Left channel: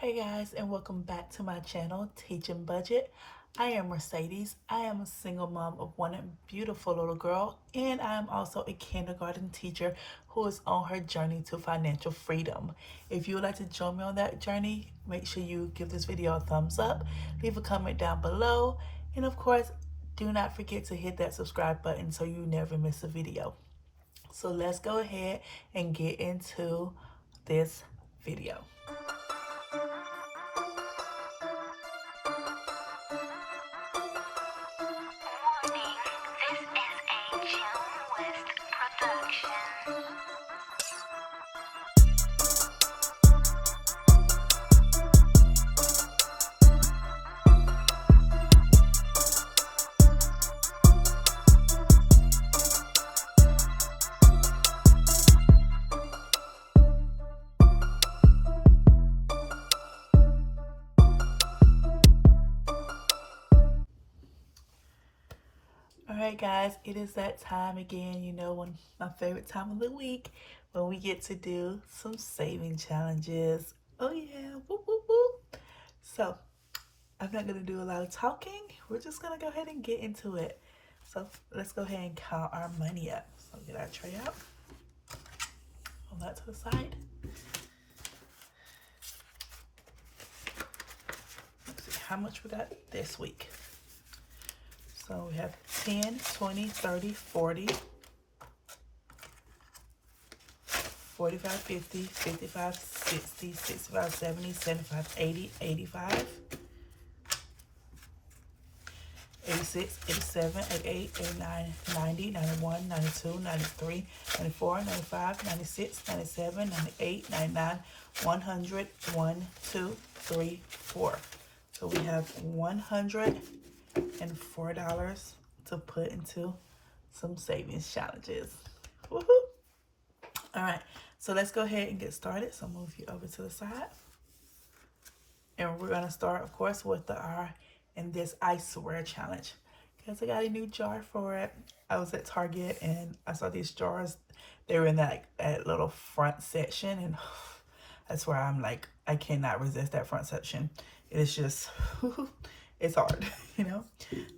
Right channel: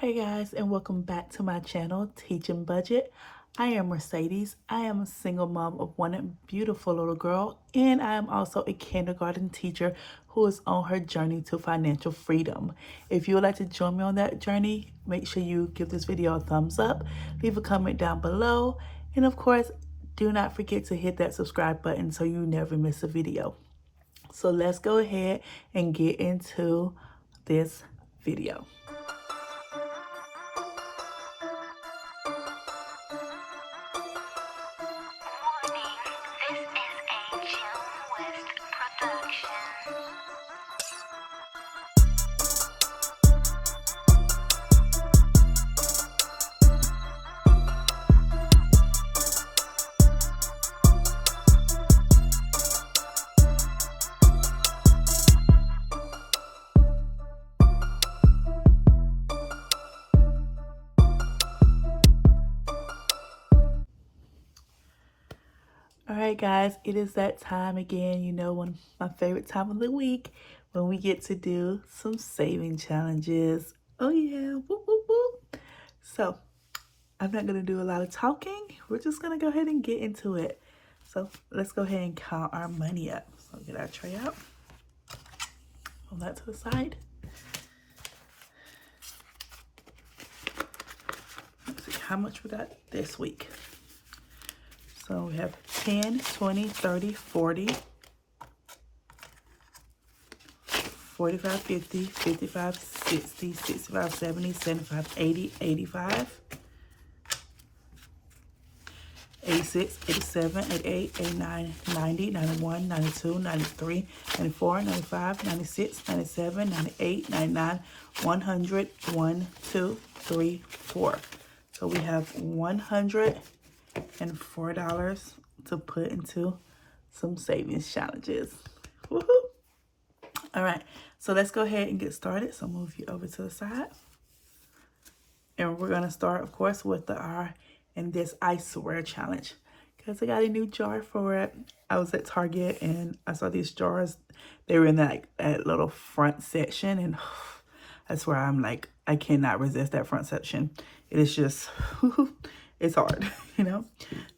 Hey guys, and welcome back to my channel, Teaching Budget. I am Mercedes. I am a single mom of one beautiful little girl, and I am also a kindergarten teacher who is on her journey to financial freedom. If you would like to join me on that journey, make sure you give this video a thumbs up, leave a comment down below, and of course, do not forget to hit that subscribe button so you never miss a video. So let's go ahead and get into this video. Alright guys, it is that time again, one my favorite time of the week when we get to do some saving challenges. Oh yeah, whoop, whoop, whoop. So, I'm not going to do a lot of talking. We're just going to go ahead and get into it. So, let's go ahead and count our money up. So, get our tray out. Hold that to the side. Let's see, how much we got this week? So we have 10, 20, 30, 40, 45, 50, 55, 60, 65, 70, 75, 80, 85, 86, 87, 88, 89, 90, 91, 92, 93, 94, 95, 96, 97, 98, 99, 100, 1, 2, 3, 4. So we have $104 to put into some savings challenges. Woohoo! All right, so let's go ahead and get started. So move you over to the side. And we're gonna start, of course, with the R in this I swear challenge. Because I got a new jar for it. I was at Target and I saw these jars. They were in that little front section, and I swear I'm like, I cannot resist that front section. It is just, it's hard,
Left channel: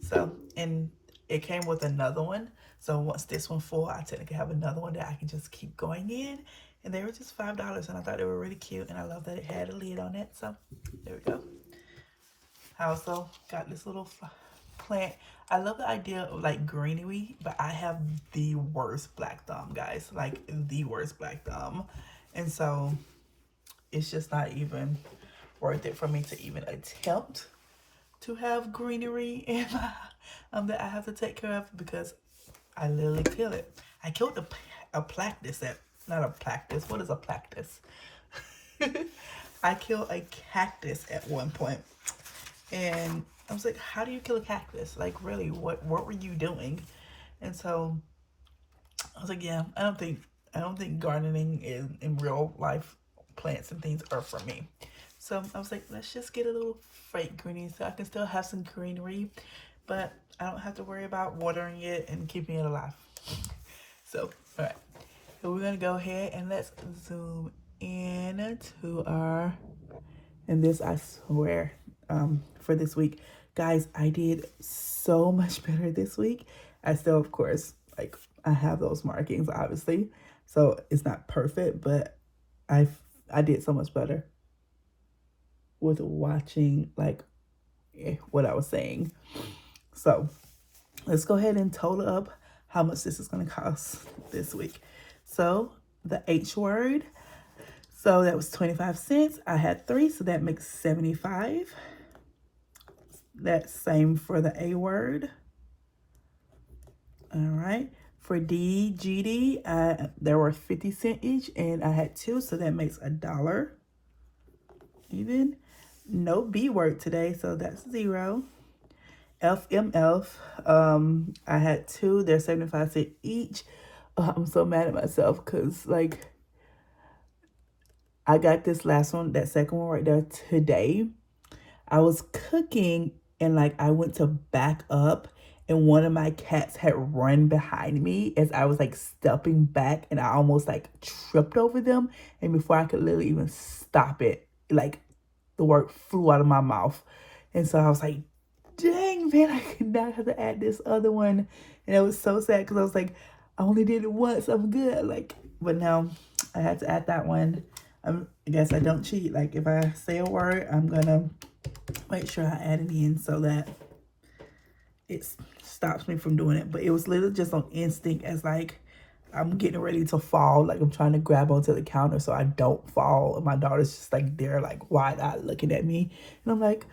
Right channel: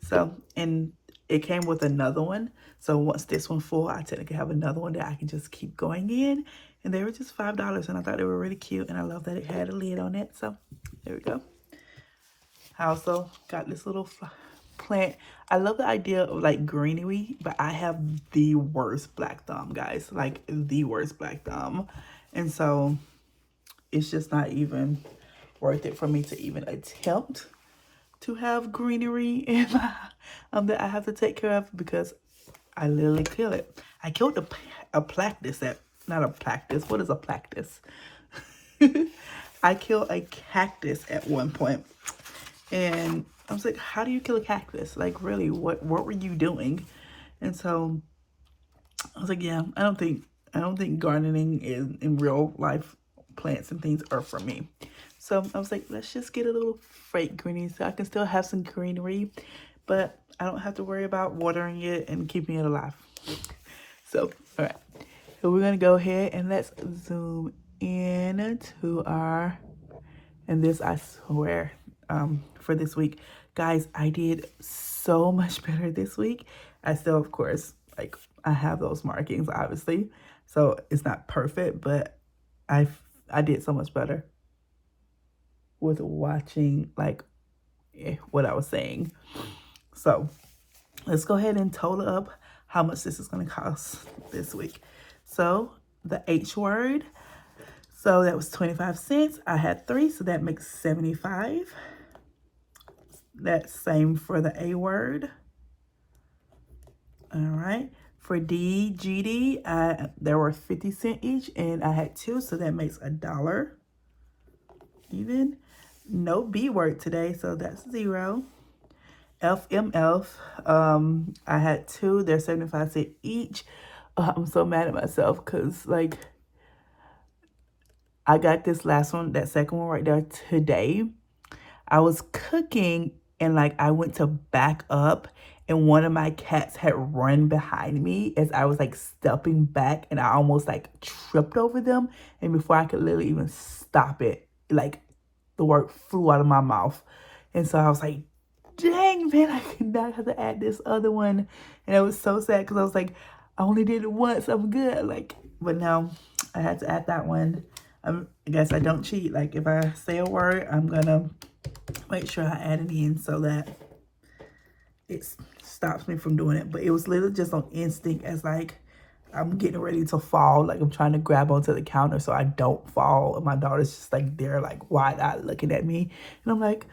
So, and it came with another one. So once this one full, I technically have another one that I can just keep going in. And they were just $5, and I thought they were really cute. And I love that it had a lid on it. So there we go. I also got this little plant. I love the idea of like greenery, but I have the worst black thumb, guys. Like the worst black thumb. And so it's just not even worth it for me to even attempt to have greenery in my that I have to take care of, because I literally kill it. I killed a plactus not a plactus. What is a plactus? I killed a cactus at one point, and I was like, how do you kill a cactus? Like, really, what were you doing? And so I was like, yeah, I don't think gardening in real life plants and things are for me. So I was like, let's just get a little fake greenery so I can still have some greenery, but I don't have to worry about watering it and keeping it alive. So, all right. So we're going to go ahead and let's zoom in to our, and this I swear, for this week. Guys, I did so much better this week. I still, of course, like, I have those markings, obviously. So it's not perfect, but I did so much better with watching like what I was saying. So let's go ahead and total up how much this is going to cost this week. So the H word, so that was 25 cents. I had 3, so that makes 75. That's same for the A word. All right. For D, GD, there were 50 cents each, and I had 2, so that makes $1 even. No B word today, so that's 0. FMF, I had 2. They're 75 cents each. I'm so mad at myself because, like, I got this last one, that second one right there today. I was cooking and, like, I went to back up and one of my cats had run behind me as I was like stepping back, and I almost like tripped over them. And before I could literally even stop it, like the word flew out of my mouth. And so I was like, dang, man, I could not have to add this other one. And it was so sad because I was like, I only did it once. I'm good. Like, but now I had to add that one. I guess I don't cheat. Like, if I say a word, I'm going to make sure I add it in so that it stops me from doing it. But it was literally just on instinct as like, I'm getting ready to fall. Like, I'm trying to grab onto the counter so I don't fall. And my daughter's just like there, like wide-eyed looking at me. And I'm like,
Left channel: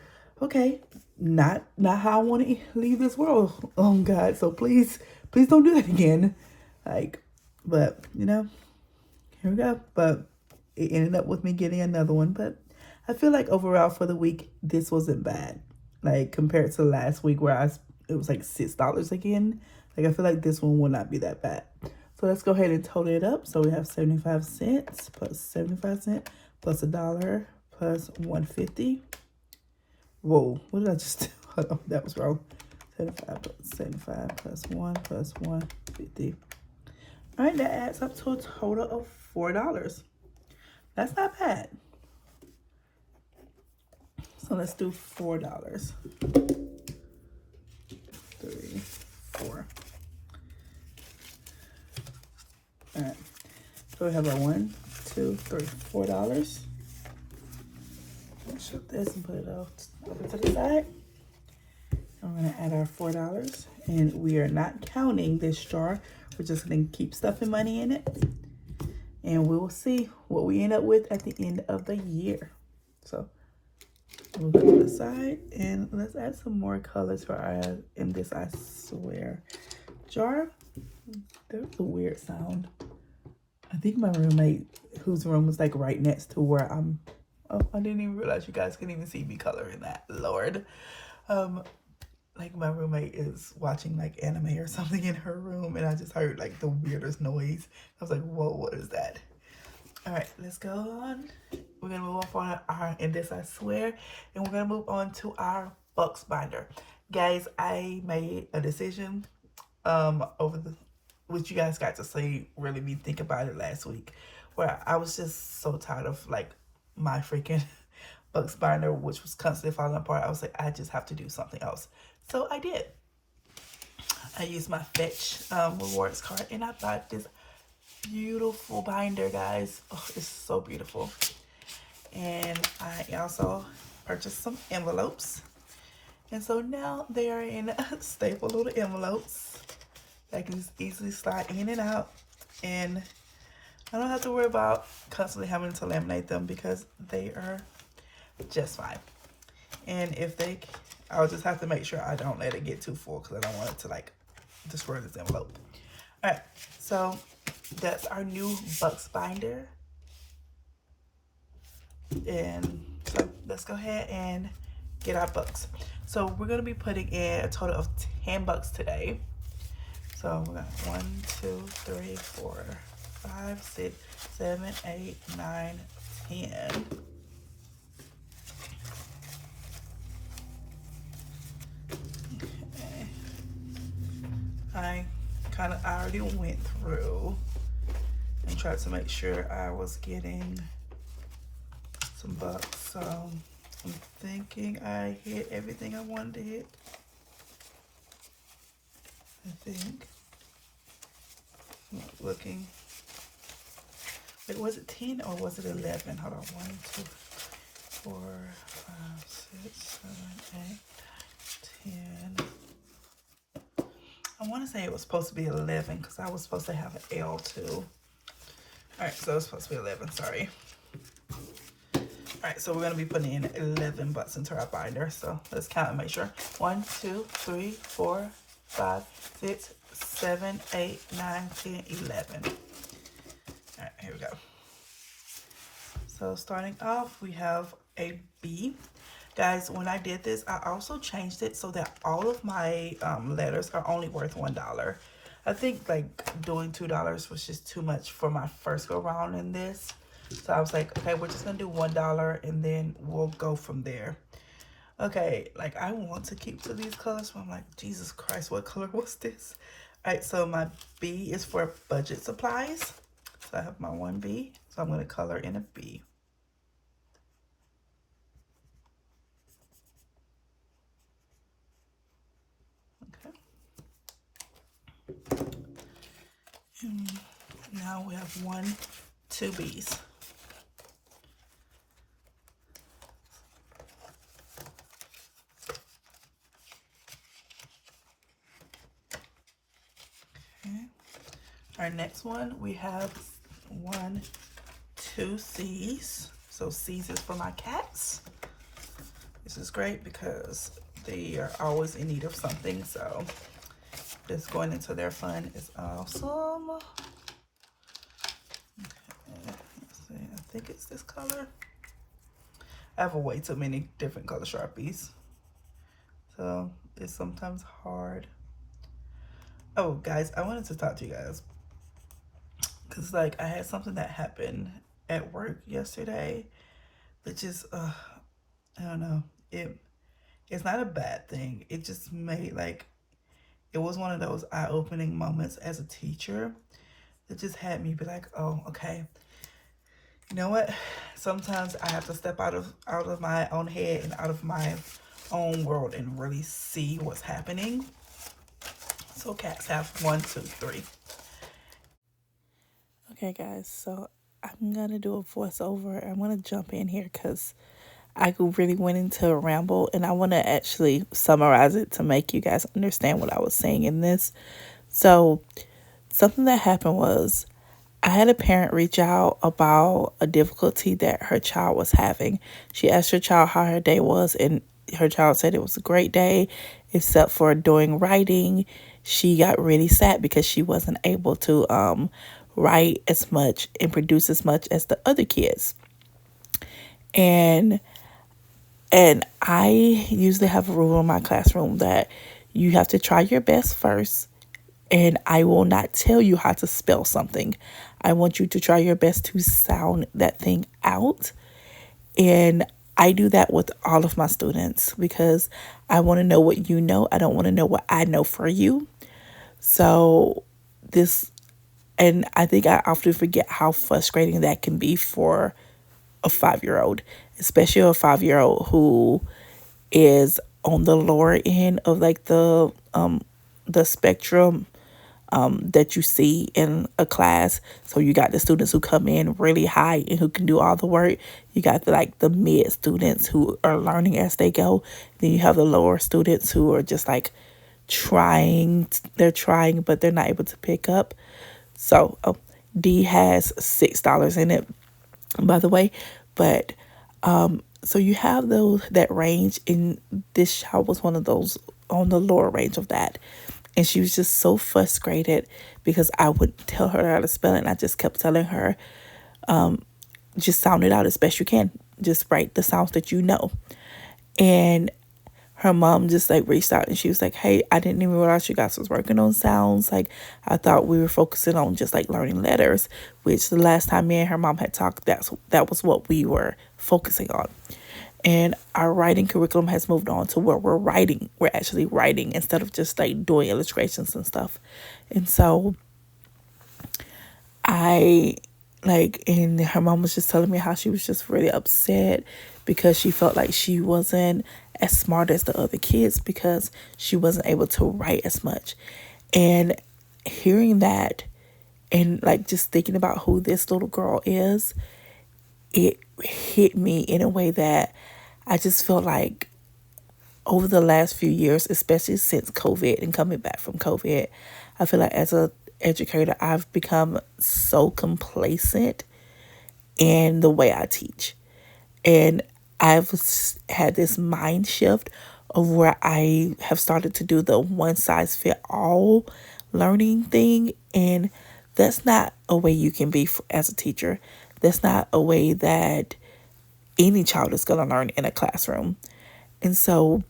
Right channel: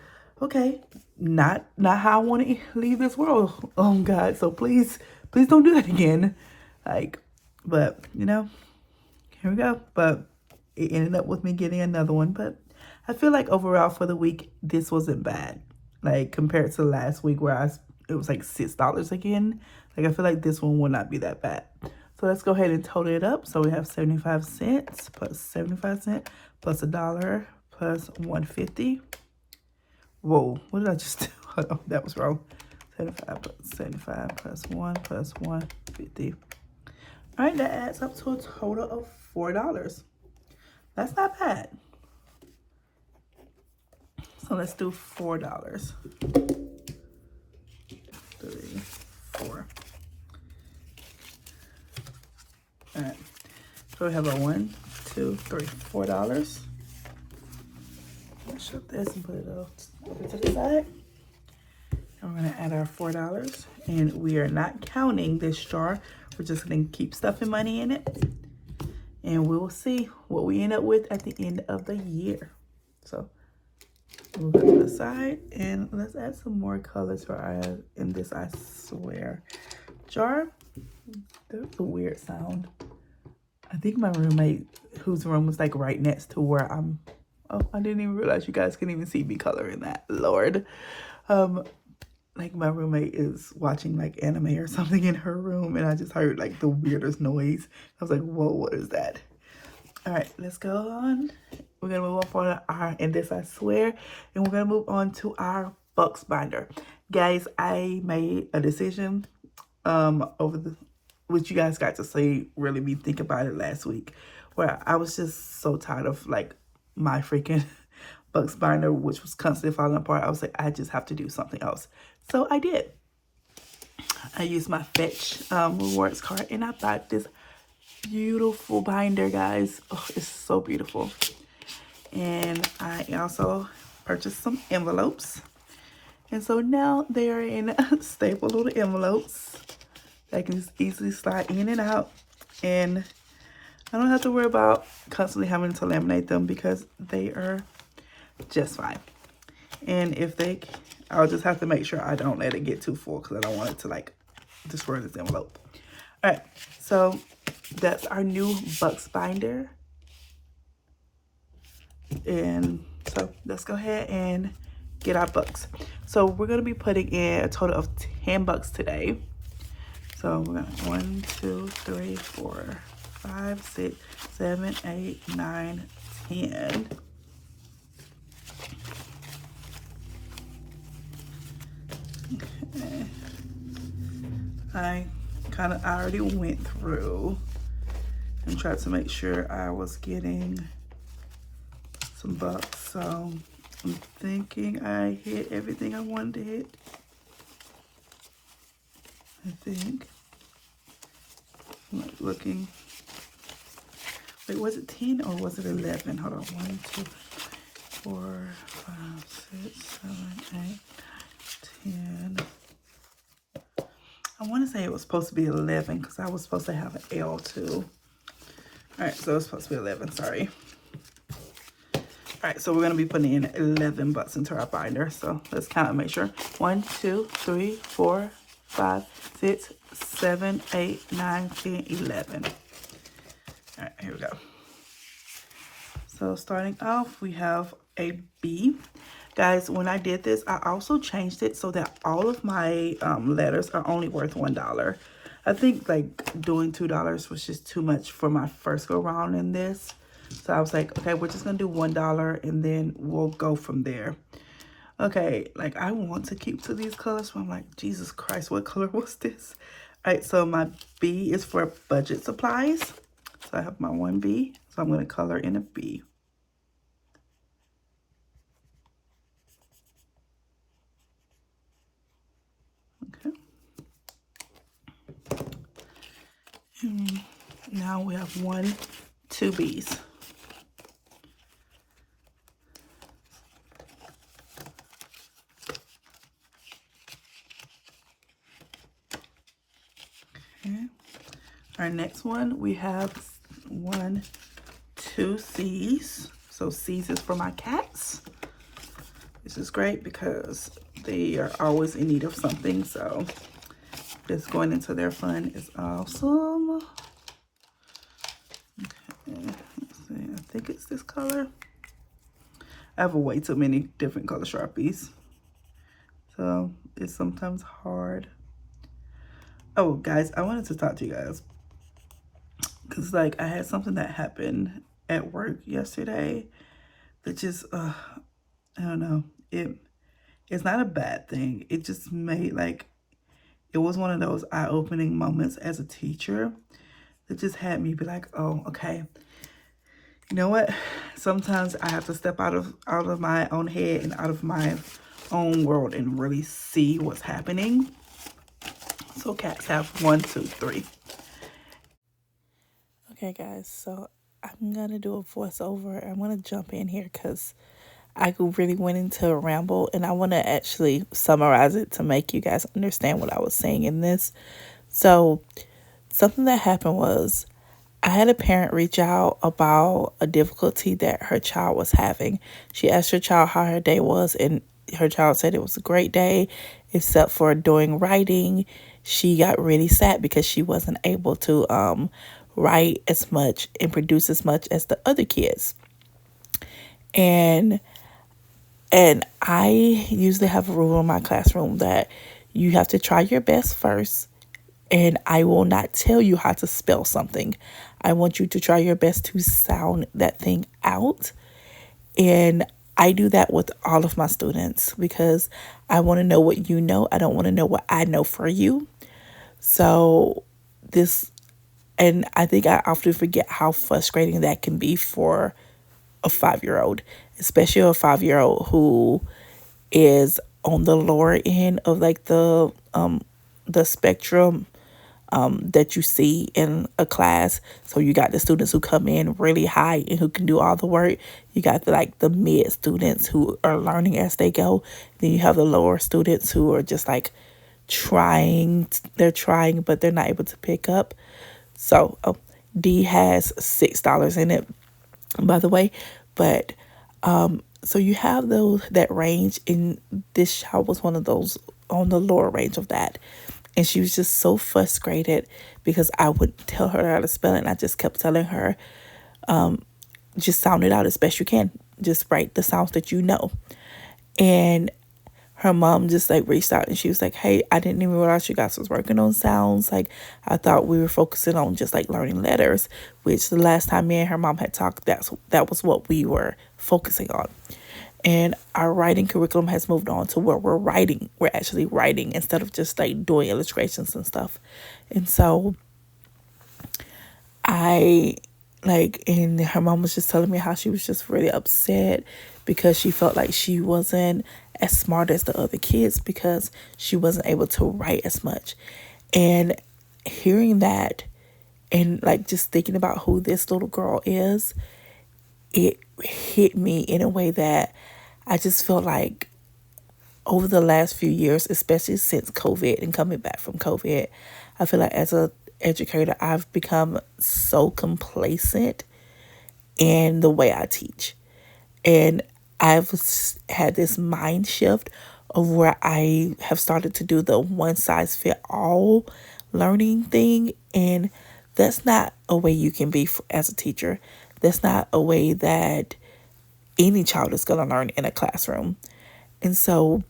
okay, not how I want to leave this world. Oh God, so please don't do that again. Like, but you know, here we go. But it ended up with me getting another one. But I feel like overall for the week, this wasn't bad. Like, compared to last week where it was like $6 again. Like, I feel like this one will not be that bad. So let's go ahead and total it up. So we have 75 cents plus 75 cents plus $1 plus 150. Whoa, what did I just do? Hold on, that was wrong. 75 plus 1 plus 150. All right, that adds up to a total of $4. That's not bad. So let's do $4. 3, 4. All right. So we have a 1, 2, 3, $4. Let's shut this and put it over to the side. And we're gonna add our $4, and we are not counting this jar. We're just gonna keep stuffing money in it, and we will see what we end up with at the end of the year. So move it to the side, and let's add some more color to our in this I swear jar. There's a weird sound. I think my roommate, whose room was like right next to where I'm. Oh, I didn't even realize you guys can even see me coloring that. Lord. Like my roommate is watching like anime or something in her room, and I just heard like the weirdest noise. I was like, whoa, what is that? All right, let's go on. We're gonna move on our and this I swear, and we're gonna move on to our Bux binder. Guys, I made a decision which you guys got to see really me think about it last week, where I was just so tired of like my freaking Bux binder, which was constantly falling apart. I was like, I just have to do something else. So I did. I used my Fetch rewards card, and I bought this beautiful binder, guys. Oh, it's so beautiful. And I also purchased some envelopes. And so now they are in staple little envelopes that can just easily slide in and out. And I don't have to worry about constantly having to laminate them because they are just fine. And if I'll just have to make sure I don't let it get too full because I don't want it to like destroy this envelope. All right, so that's our new Bux binder. And so let's go ahead and get our Bux. So we're gonna be putting in a total of $10 today. So we're gonna 1, 2, 3, 4, 5, 6, 7, 8, 9, 10. Okay. I already went through and tried to make sure I was getting some bucks. So I'm thinking I hit everything I wanted to hit. I think. I'm not looking. Wait, was it 10 or was it 11? Hold on. 1, 2, 4, 5, 6, 7, 8, 10. I want to say it was supposed to be 11 because I was supposed to have an L too. All right, so it's supposed to be 11. Sorry. All right, so we're going to be putting in $11 into our binder. So let's count and make sure. 1, 2, 3, 4, 5, 6, 7, 8, 9, 10, 11. All right, here we go. So starting off, we have a B. Guys, when I did this, I also changed it so that all of my letters are only worth $1. I think like doing $2 was just too much for my first go round in this. So I was like, okay, we're just gonna do $1 and then we'll go from there. Okay, like I want to keep to these colors, but I'm like, Jesus Christ, what color was this? All right, so my B is for budget supplies. So I have my 1B, so I'm gonna color in a B. And now we have 1, 2 bees. Okay. Our next one, we have 1, 2 C's. So C's is for my cats. This is great because they are always in need of something. So this going into their fun is awesome. Okay, let's see. I think it's this color. I have way too many different color Sharpies, so it's sometimes hard. Oh, guys, I wanted to talk to you guys because, like, I had something that happened at work yesterday that just, I don't know, it's not a bad thing. It just made, like, it was one of those eye-opening moments as a teacher that just had me be like, oh, okay, you know what? Sometimes I have to step out of my own head and out of my own world and really see what's happening. So cats have 1, 2, 3. Okay, guys, so I'm gonna do a voiceover. I'm gonna jump in here because I really went into a ramble, and I want to actually summarize it to make you guys understand what I was saying in this. So something that happened was I had a parent reach out about a difficulty that her child was having. She asked her child how her day was, and her child said it was a great day, except for doing writing. She got really sad because she wasn't able to write as much and produce as much as the other kids. And I usually have a rule in my classroom that you have to try your best first, and I will not tell you how to spell something. I want you to try your best to sound that thing out. And I do that with all of my students because I want to know what you know. I don't want to know what I know for you. So and I think I often forget how frustrating that can be for a 5-year-old, especially a 5-year-old who is on the lower end of like the spectrum that you see in a class. So you got the students who come in really high and who can do all the work. You got the mid students who are learning as they go. Then you have the lower students who are just like trying. They're trying, but they're not able to pick up. So D has $6 in it, by the way. But so you have that range, and this child was one of those on the lower range of that. And she was just so frustrated because I would tell her how to spell it, and I just kept telling her, just sound it out as best you can. Just write the sounds that you know. And her mom just like reached out and she was like, hey, I didn't even realize you guys was working on sounds. Like, I thought we were focusing on just like learning letters, which the last time me and her mom had talked, that was what we were focusing on. And our writing curriculum has moved on to where we're actually writing instead of just like doing illustrations and stuff. And so and her mom was just telling me how she was just really upset because she felt like she wasn't as smart as the other kids because she wasn't able to write as much. And hearing that and like just thinking about who this little girl is, it hit me in a way that I just feel like over the last few years, especially since COVID and coming back from COVID, I feel like as a educator, I've become so complacent in the way I teach. And I've had this mind shift of where I have started to do the one size fit all learning thing. And that's not a way you can be as a teacher. That's not a way that any child is going to learn in a classroom. And so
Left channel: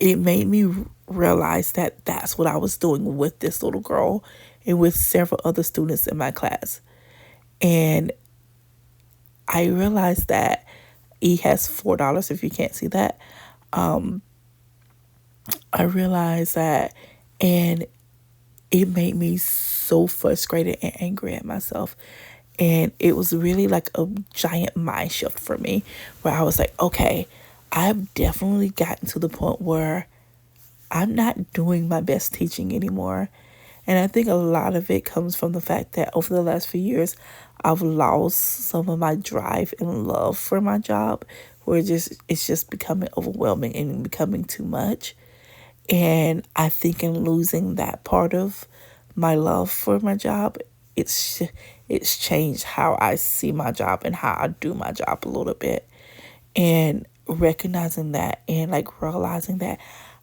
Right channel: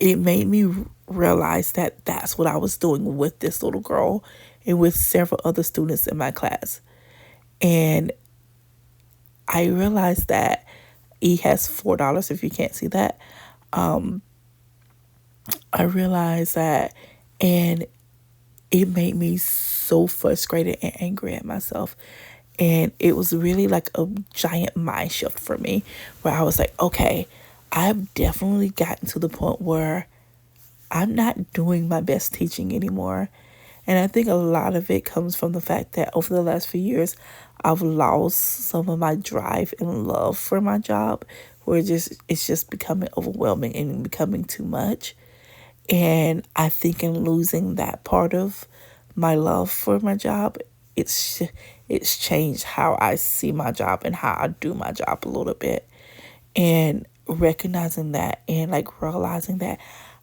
it made me realize that that's what I was doing with this little girl and with several other students in my class. And I realized that E has $4 if you can't see that. I realized that, and it made me so frustrated and angry at myself. And it was really like a giant mind shift for me where I was like, okay, I've definitely gotten to the point where I'm not doing my best teaching anymore. And I think a lot of it comes from the fact that over the last few years, I've lost some of my drive and love for my job, where it's just becoming overwhelming and becoming too much. And I think in losing that part of my love for my job, it's changed how I see my job and how I do my job a little bit. And recognizing that and like realizing that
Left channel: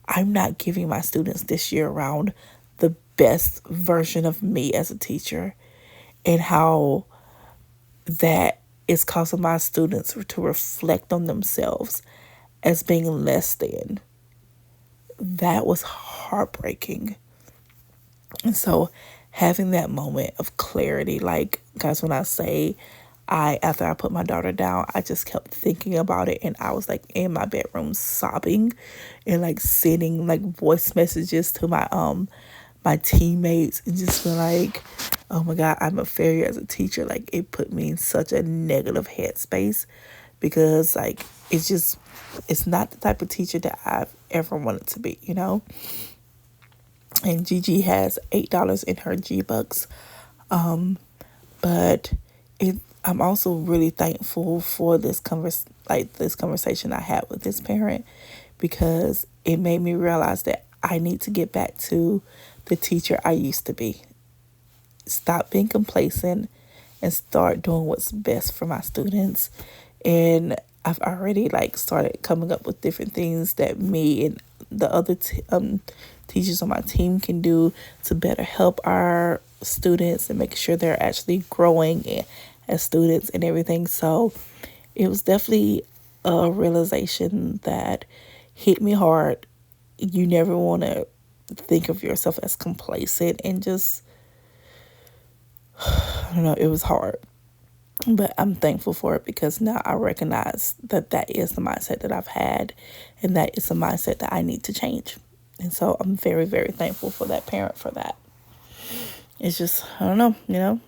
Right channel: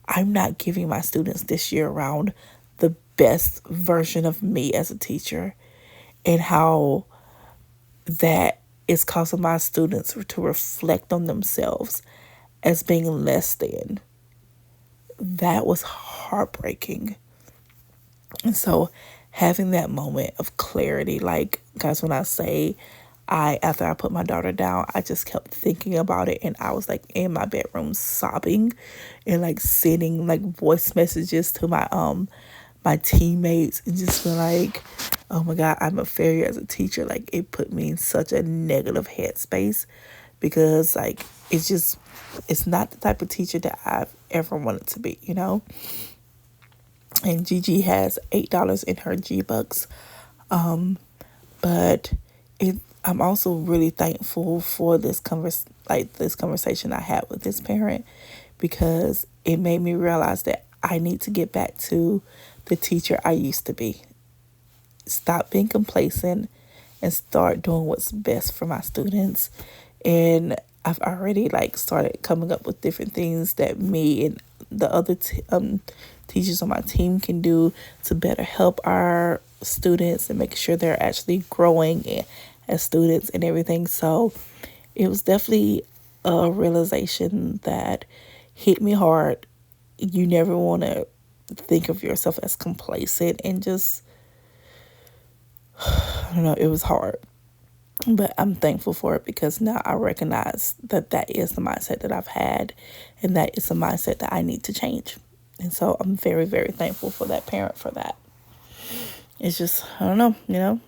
I'm not giving my students this year around the best version of me as a teacher, and how that is causing my students to reflect on themselves as being less than. That was heartbreaking. And so having that moment of clarity, like, guys, when I say after I put my daughter down, I just kept thinking about it, and I was like in my bedroom sobbing and like sending like voice messages to my teammates and just be like, oh my God, I'm a failure as a teacher. Like, it put me in such a negative headspace, because like it's not the type of teacher that I've ever wanted to be, And Gigi has $8 in her G-Bucks. But I'm also really thankful for this conversation I had with this parent, because it made me realize that I need to get back to the teacher I used to be. Stop being complacent and start doing what's best for my students. And I've already like started coming up with different things that me and the other teachers on my team can do to better help our students and make sure they're actually growing as students and everything. So it was definitely a realization that hit me hard. You never want to think of yourself as complacent, and just, I don't know, it was hard. But I'm thankful for it, because now I recognize that that is the mindset that I've had, and that is a mindset that I need to change. And so I'm very, very thankful for that parent for that. It's just, I don't know.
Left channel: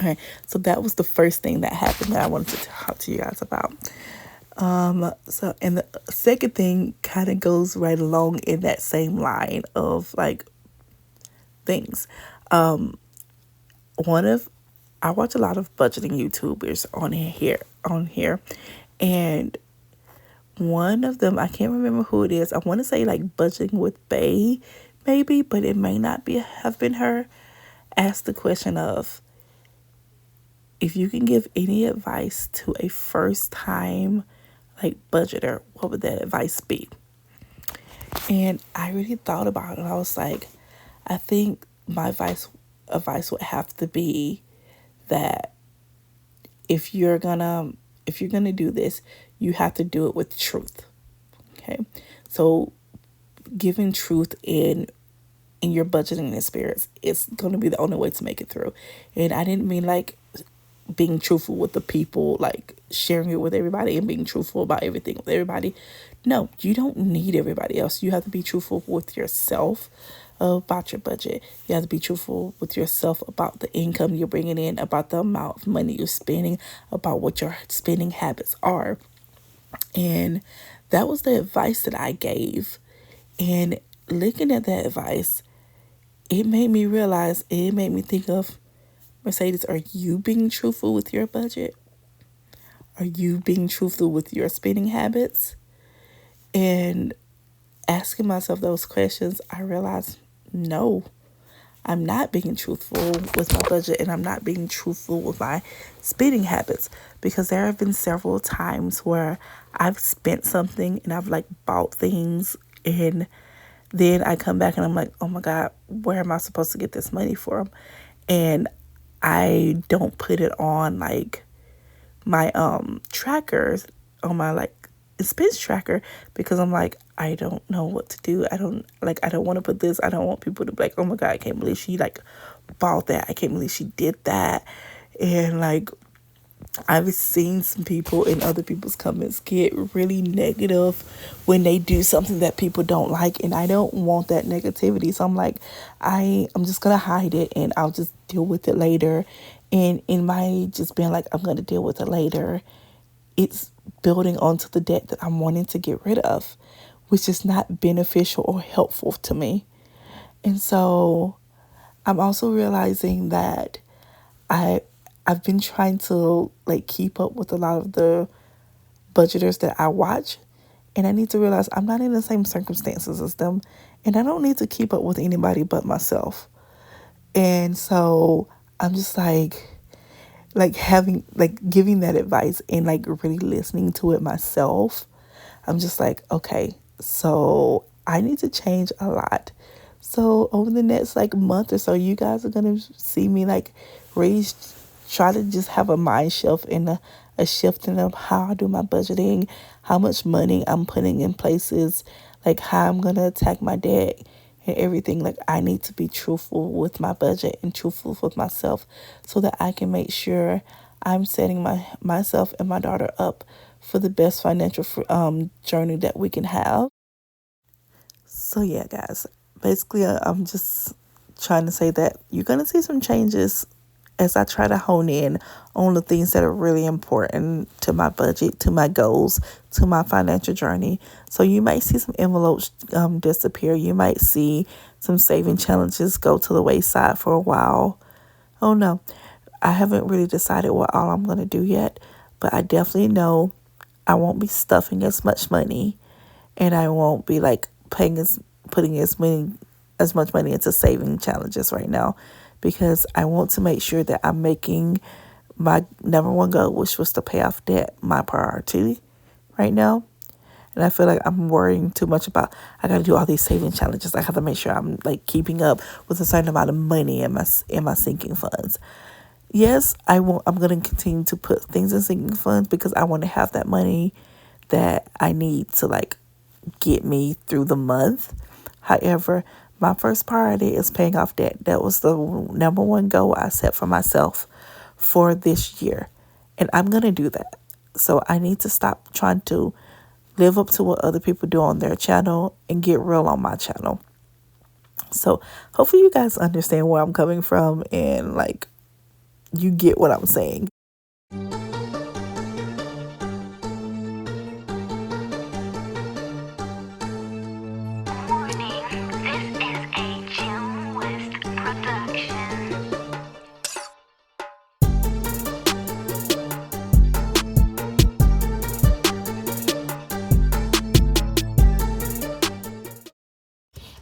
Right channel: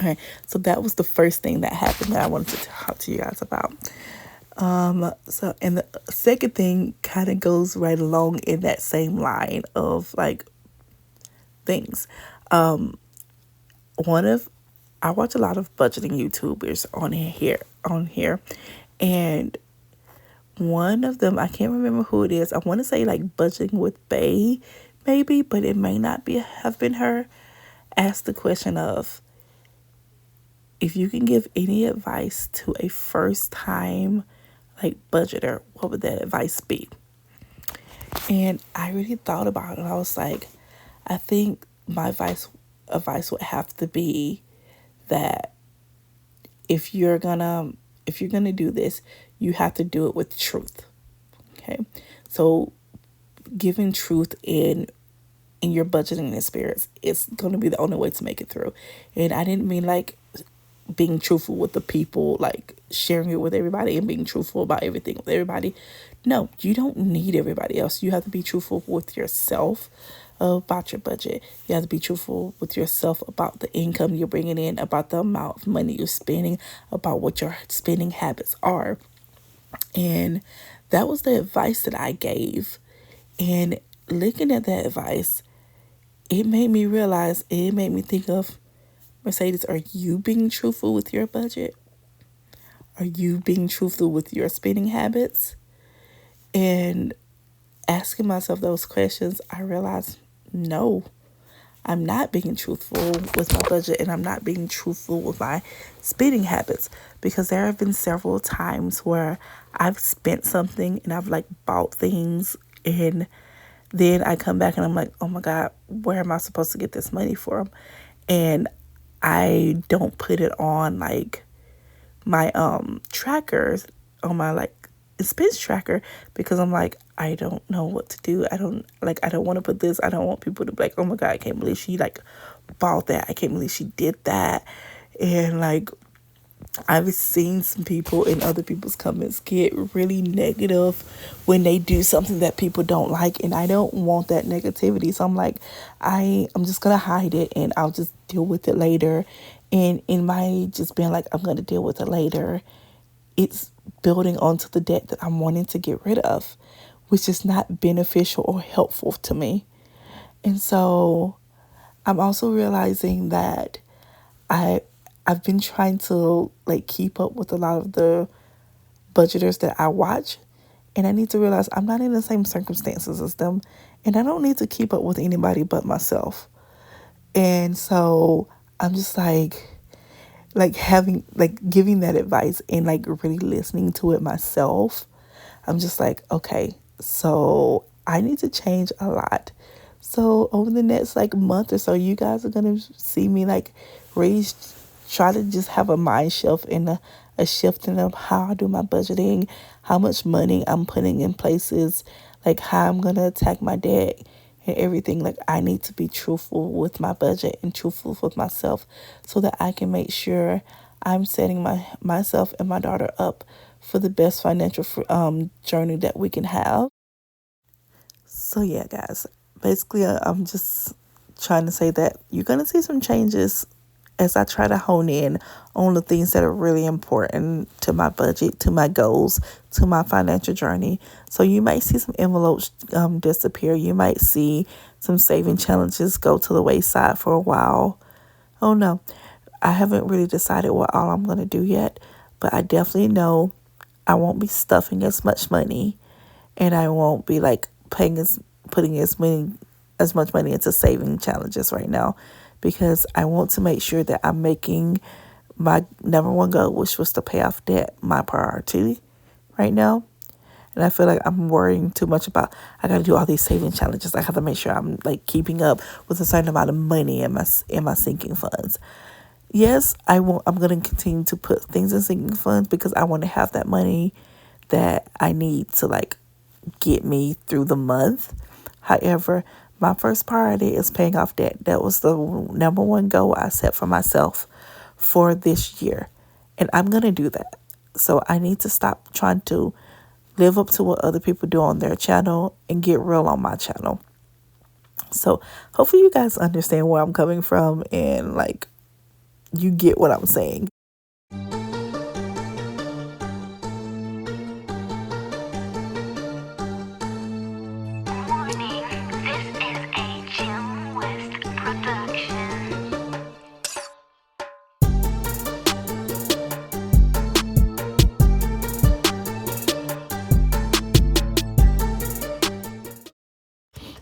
All right, so that was the first thing that happened that I wanted to talk to you guys about. So, and the second thing kind of goes right along in that same line of like things. I watch a lot of budgeting YouTubers on here, and one of them, I can't remember who it is. I want to say like Budgeting with Bay, maybe, but it may not have been her. Asked the question of, if you can give any advice to a first time like budgeter, what would that advice be? And I really thought about it. I was like, I think my advice would have to be that if you're gonna do this, you have to do it with truth. Okay, so giving truth in your budgeting experience is going to be the only way to make it through. And I didn't mean like being truthful with the people, like sharing it with everybody and being truthful about everything with everybody. No, you don't need everybody else. You have to be truthful with yourself about your budget. You have to be truthful with yourself about the income you're bringing in, about the amount of money you're spending, about what your spending habits are. And that was the advice that I gave. And looking at that advice, it made me think of, Mercedes, are you being truthful with your budget? Are you being truthful with your spending habits? And asking myself those questions, I realized, no, I'm not being truthful with my budget, and I'm not being truthful with my spending habits, because there have been several times where I've spent something and I've like bought things, and then I come back and I'm like, oh my God, where am I supposed to get this money from? And I don't put it on like my trackers, on my like expense tracker, because I'm like, I don't know what to do. I don't want to put this. I don't want people to be like, oh my God, I can't believe she like bought that. I can't believe she did that. And like, I've seen some people in other people's comments get really negative when they do something that people don't like, and I don't want that negativity. So I'm like, I'm just gonna hide it, and I'll just deal with it later. And in my just being like, I'm gonna deal with it later, it's building onto the debt that I'm wanting to get rid of, which is not beneficial or helpful to me. And so I'm also realizing that I've been trying to like keep up with a lot of the budgeters that I watch, and I need to realize I'm not in the same circumstances as them, and I don't need to keep up with anybody but myself. And so I'm just like having like giving that advice and like really listening to it myself. I'm just like, okay, so I need to change a lot. So over the next like month or so, you guys are gonna see me like raise, try to just have a mind shift and a shifting of how I do my budgeting, how much money I'm putting in places, like how I'm gonna attack my debt and everything. Like I need to be truthful with my budget and truthful with myself so that I can make sure I'm setting myself and my daughter up for the best financial journey that we can have. So yeah, guys, basically I'm just trying to say that you're going to see some changes as I try to hone in on the things that are really important to my budget, to my goals, to my financial journey. So you might see some envelopes disappear. You might see some saving challenges go to the wayside for a while. Oh no, I haven't really decided what all I'm going to do yet, but I definitely know I won't be stuffing as much money, and I won't be like putting as much money into saving challenges right now, because I want to make sure that I'm making my number one goal, which was to pay off debt, my priority right now. And I feel like I'm worrying too much about I got to do all these saving challenges. I have to make sure I'm like keeping up with a certain amount of money in my sinking funds. Yes, I'm going to continue to put things in sinking funds because I want to have that money that I need to like get me through the month. However, my first priority is paying off debt. That was the number one goal I set for myself for this year. And I'm going to do that. So I need to stop trying to live up to what other people do on their channel and get real on my channel. So hopefully you guys understand where I'm coming from and like you get what I'm saying.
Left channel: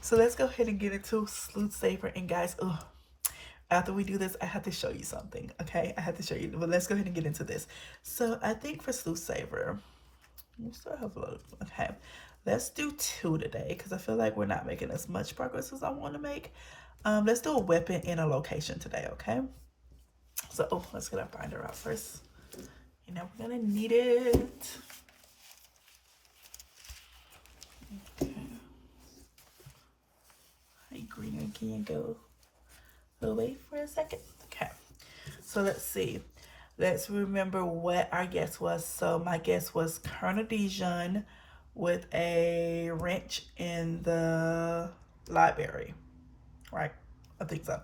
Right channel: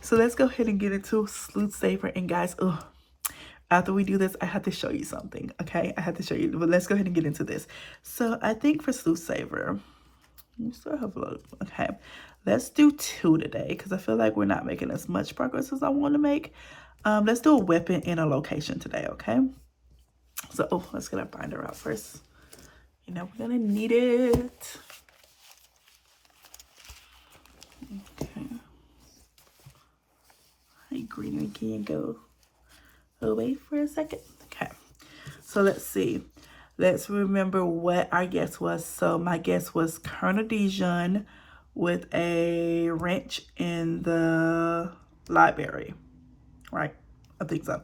So let's go ahead and get into SluethSaver. And guys, after we do this, I have to show you something, okay? I have to show you, but let's go ahead and get into this. So I think for SluethSaver, you still have a lot, okay? Let's do 2 today because I feel like we're not making as much progress as I want to make. Let's do a weapon and a location today, okay? So, let's get our binder out first. You know, we're gonna need it. Okay. Hey, green, can you go away for a second? Okay. So let's see. Let's remember what our guess was. So my guess was Colonel Dijon with a wrench in the library, right? I think so.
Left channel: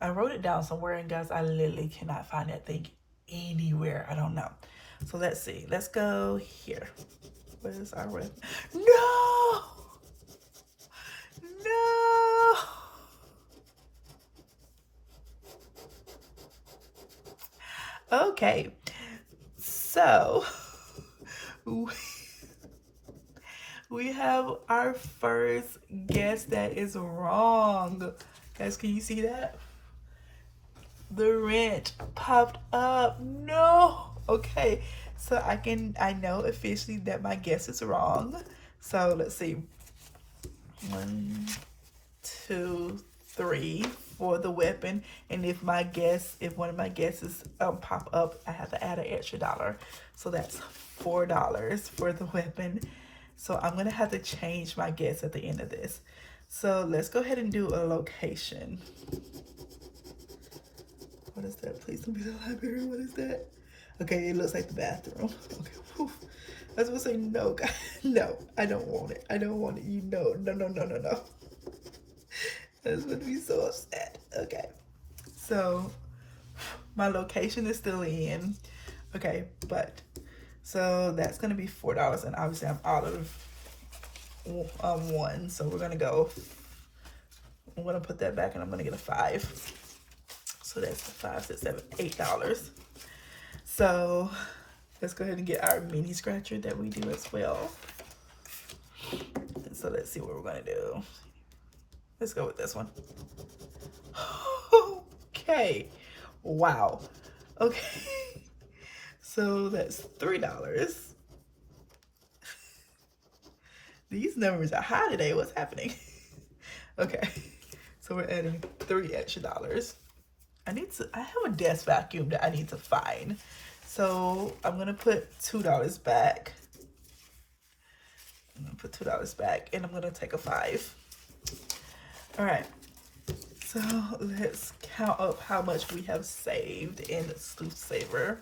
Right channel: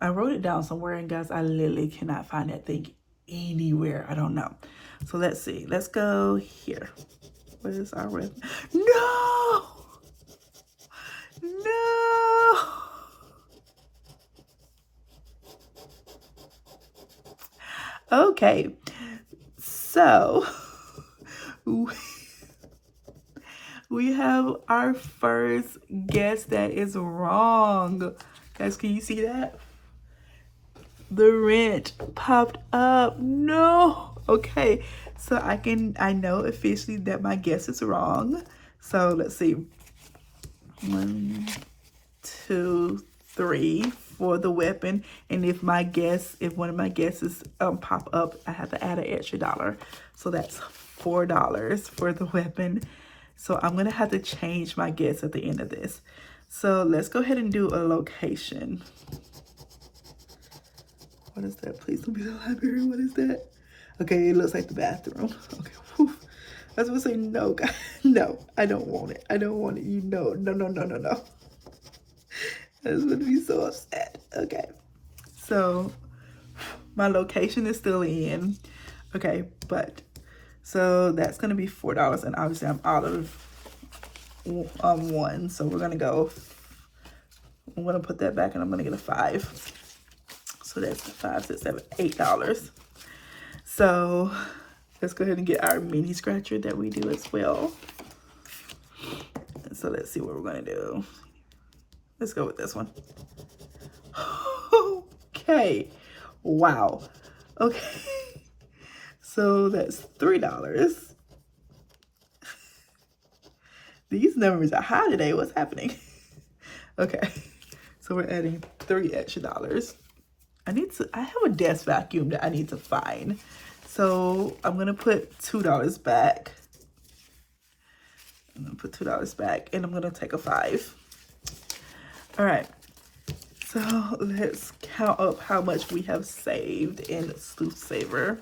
I wrote it down somewhere, and guys, I literally cannot find that thing anywhere. I don't know. So let's see. Let's go here. What is our wrench? No! No! Okay. So we have our first guess that is wrong. Guys, can you see that? The wrench popped up. No. Okay. So I know officially that my guess is wrong. So let's see. 1, 2, 3 for the weapon. And if one of my guesses pop up, I have to add an extra $1. So that's $4 for the weapon. So I'm gonna have to change my guess at the end of this. So let's go ahead and do a location. What is that? Please don't be the library. What is that? Okay, it looks like the bathroom. Okay, whew. I was gonna say no, guys. No, I don't want it. I don't want it. You know, no. I was gonna be so upset. Okay, so my location is still in. Okay, but so that's gonna be $4, and obviously I'm out of 1, so we're gonna go I'm gonna put that back and I'm gonna get a 5. So that's $5, $6, $7, $8. So let's go ahead and get our mini scratcher that we do as well. So let's see what we're gonna do. Let's go with this one. Okay, wow. Okay, so that's $3. These numbers are high today. What's happening? Okay, so we're adding $30 extra. I have a desk vacuum that I need to find. So I'm gonna put $2 back. I'm gonna put $2 back and I'm gonna take a 5. All right, so let's count up how much we have saved in SluethSaver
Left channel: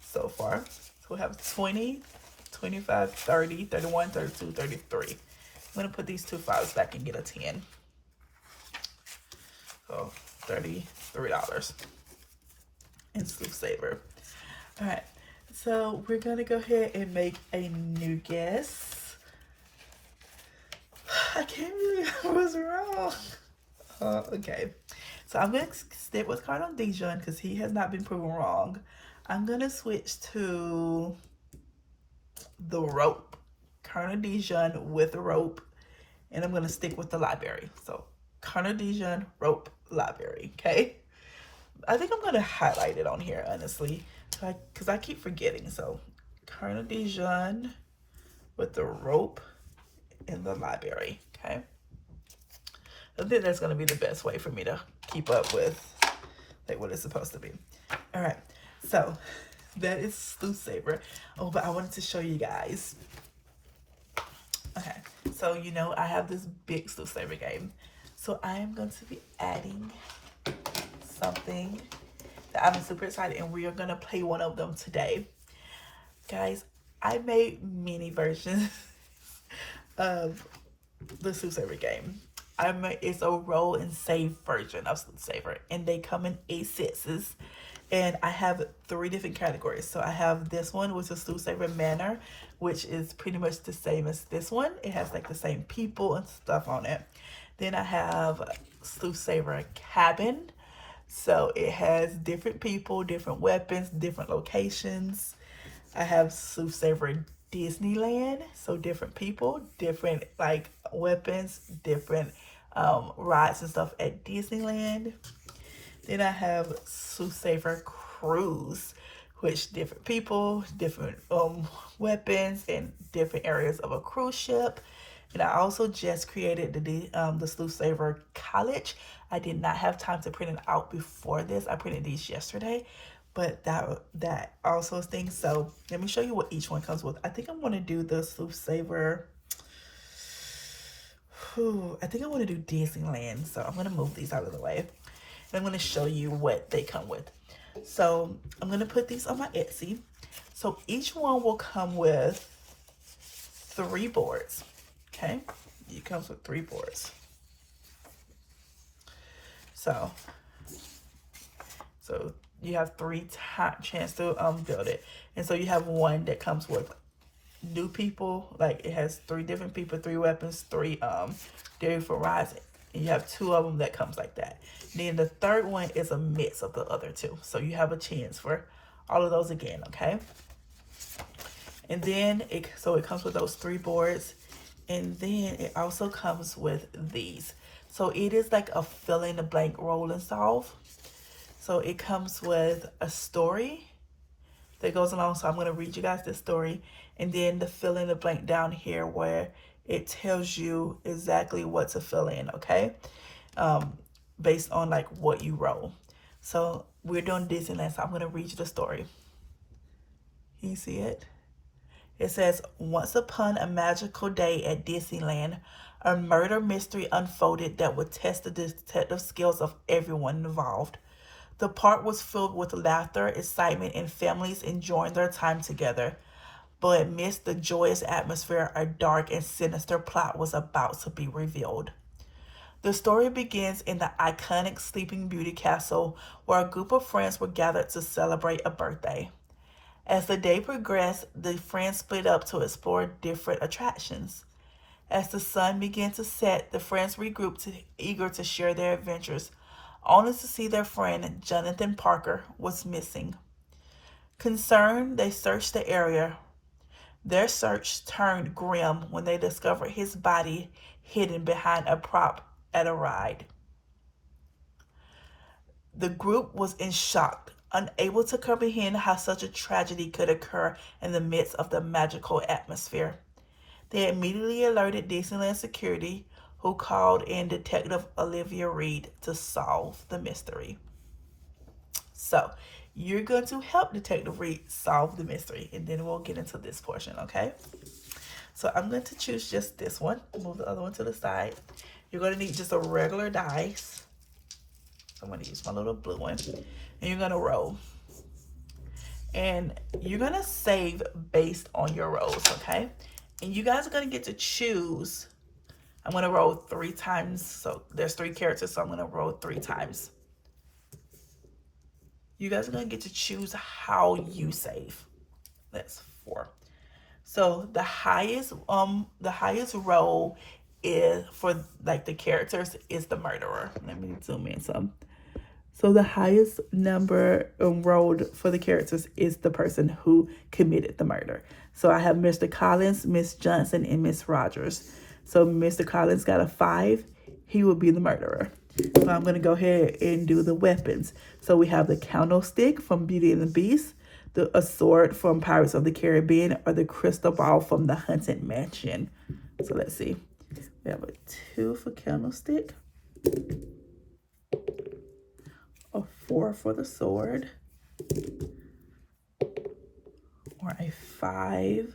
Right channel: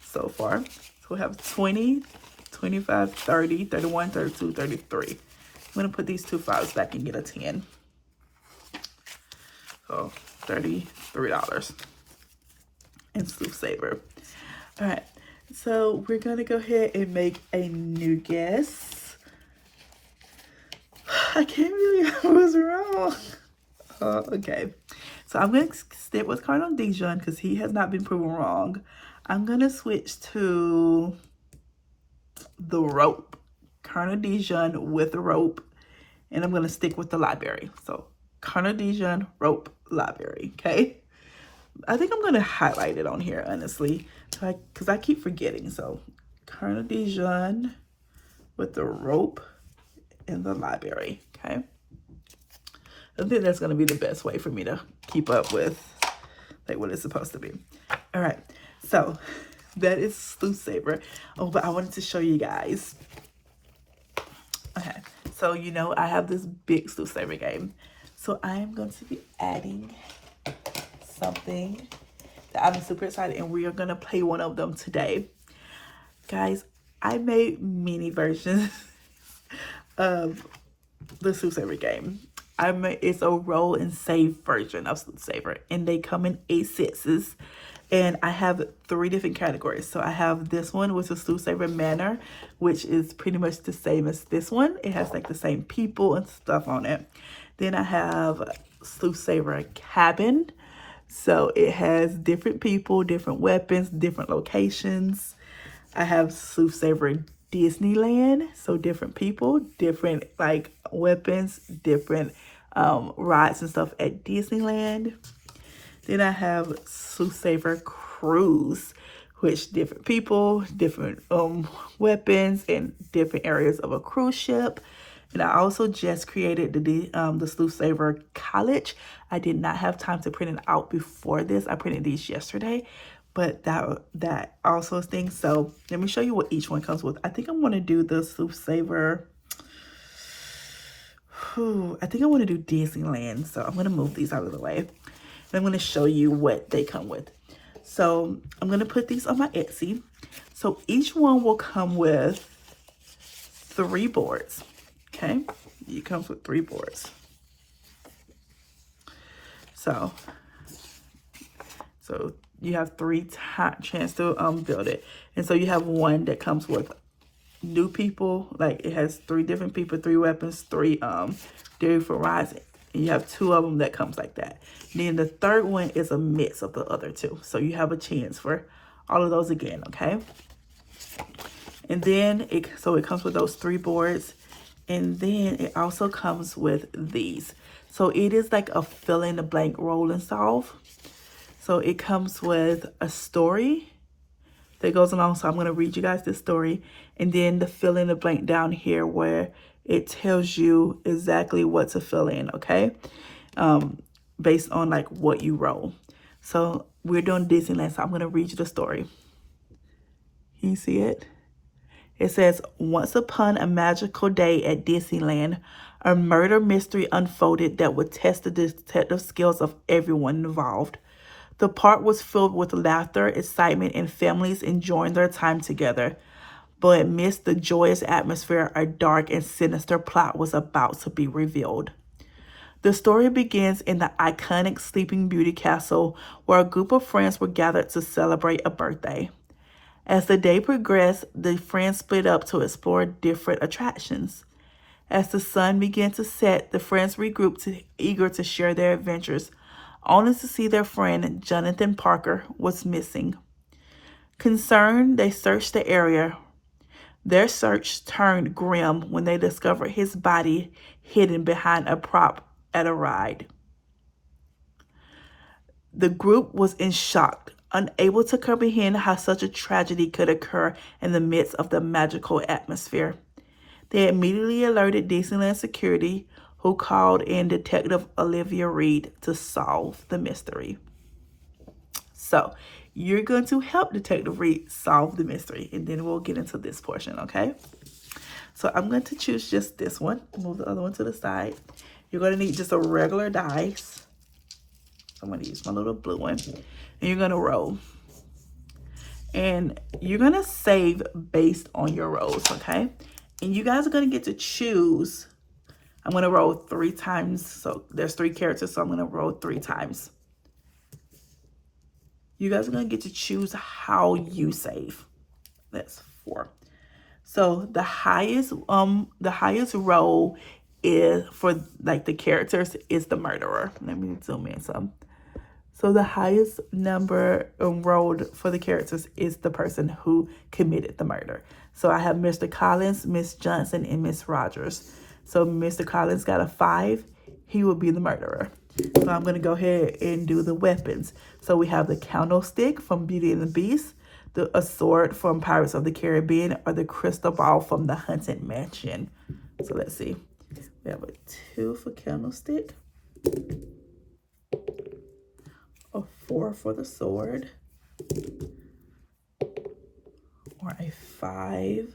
so far. So we have 20, 25, 30, 31, 32, 33. I'm gonna put these 2 5s back and get a 10. So $33 in SluethSaver. All right, so we're gonna go ahead and make a new guess. I can't believe I was wrong. Okay, so I'm gonna stick with Cardinal Dijon because he has not been proven wrong. I'm gonna switch to the rope, Cardinal Dijon with a rope, and I'm gonna stick with the library. So Cardinal Dijon, rope, library. Okay, I think I'm gonna highlight it on here honestly, because I keep forgetting. So Cardinal Dijon with the rope and the library. Okay, I think that's gonna be the best way for me to keep up with like what it's supposed to be. All right, so that is SluethSaver. Oh, but I wanted to show you guys. Okay, so you know I have this big SluethSaver game. So I am going to be adding something that I'm super excited, and we are gonna play one of them today. Guys, I made mini versions of the SluethSaver game. It's a roll and save version of SluethSaver, and they come in 8 sets. And I have 3 different categories. So I have this one with the SluethSaver Manor, which is pretty much the same as this one. It has like the same people and stuff on it. Then I have SluethSaver Cabin. So it has different people, different weapons, different locations. I have SluethSaver Disneyland. So different people, different like weapons, different rides and stuff at Disneyland. Then I have SluethSaver Cruise, which different people, different weapons, and different areas of a cruise ship. And I also just created the SluethSaver College. I did not have time to print it out before this. I printed these yesterday, but that also things. So let me show you what each one comes with. I think I'm going to do the SluethSaver. I think I want to do Disneyland. So I'm going to move these out of the way. And I'm going to show you what they come with. So I'm going to put these on my Etsy. So each one will come with 3 boards. Okay, it comes with 3 boards. So you have 3 chance to build it. And so you have one that comes with new people, like it has 3 different people, 3 weapons, 3 different rides. And you have 2 of them that comes like that. And then the third one is a mix of the other 2. So you have a chance for all of those again, okay? And then it comes with those 3 boards. And then it also comes with these. So it is like a fill in the blank roll and solve. So it comes with a story that goes along. So I'm going to read you guys this story. And then the fill in the blank down here where it tells you exactly what to fill in, okay? Based on like what you roll. So we're doing Disneyland, so I'm going to read you the story. Can you see it? It says, once upon a magical day at Disneyland, a murder mystery unfolded that would test the detective skills of everyone involved. The park was filled with laughter, excitement, and families enjoying their time together. But amidst the joyous atmosphere, a dark and sinister plot was about to be revealed. The story begins in the iconic Sleeping Beauty Castle, where a group of friends were gathered to celebrate a birthday. As the day progressed, the friends split up to explore different attractions. As the sun began to set, the friends regrouped, eager to share their adventures, only to see their friend Jonathan Parker was missing. Concerned, they searched the area. Their search turned grim when they discovered his body hidden behind a prop at a ride. The group was in shock, unable to comprehend how such a tragedy could occur in the midst of the magical atmosphere. They immediately alerted Disneyland security, who called in Detective Olivia Reed to solve the mystery. So, you're going to help Detective Reed solve the mystery, and then we'll get into this portion, okay? So, I'm going to choose just this one. Move the other one to the side. You're going to need just a regular dice. I'm going to use my little blue one. And you're going to roll. And you're going to save based on your rolls, okay? And you guys are going to get to choose. I'm going to roll 3 times. So there's 3 characters, so I'm going to roll 3 times. You guys are going to get to choose how you save. That's 4. So the highest roll is for like the characters is the murderer. Let me zoom in some. So the highest number rolled for the characters is the person who committed the murder. So I have Mr. Collins, Miss Johnson, and Miss Rogers. So Mr. Collins got a 5. He will be the murderer. So I'm going to go ahead and do the weapons. So we have the candlestick from Beauty and the Beast, a sword from Pirates of the Caribbean, or the crystal ball from the Haunted Mansion. So let's see. We have a 2 for candlestick. A 4 for the sword, or a 5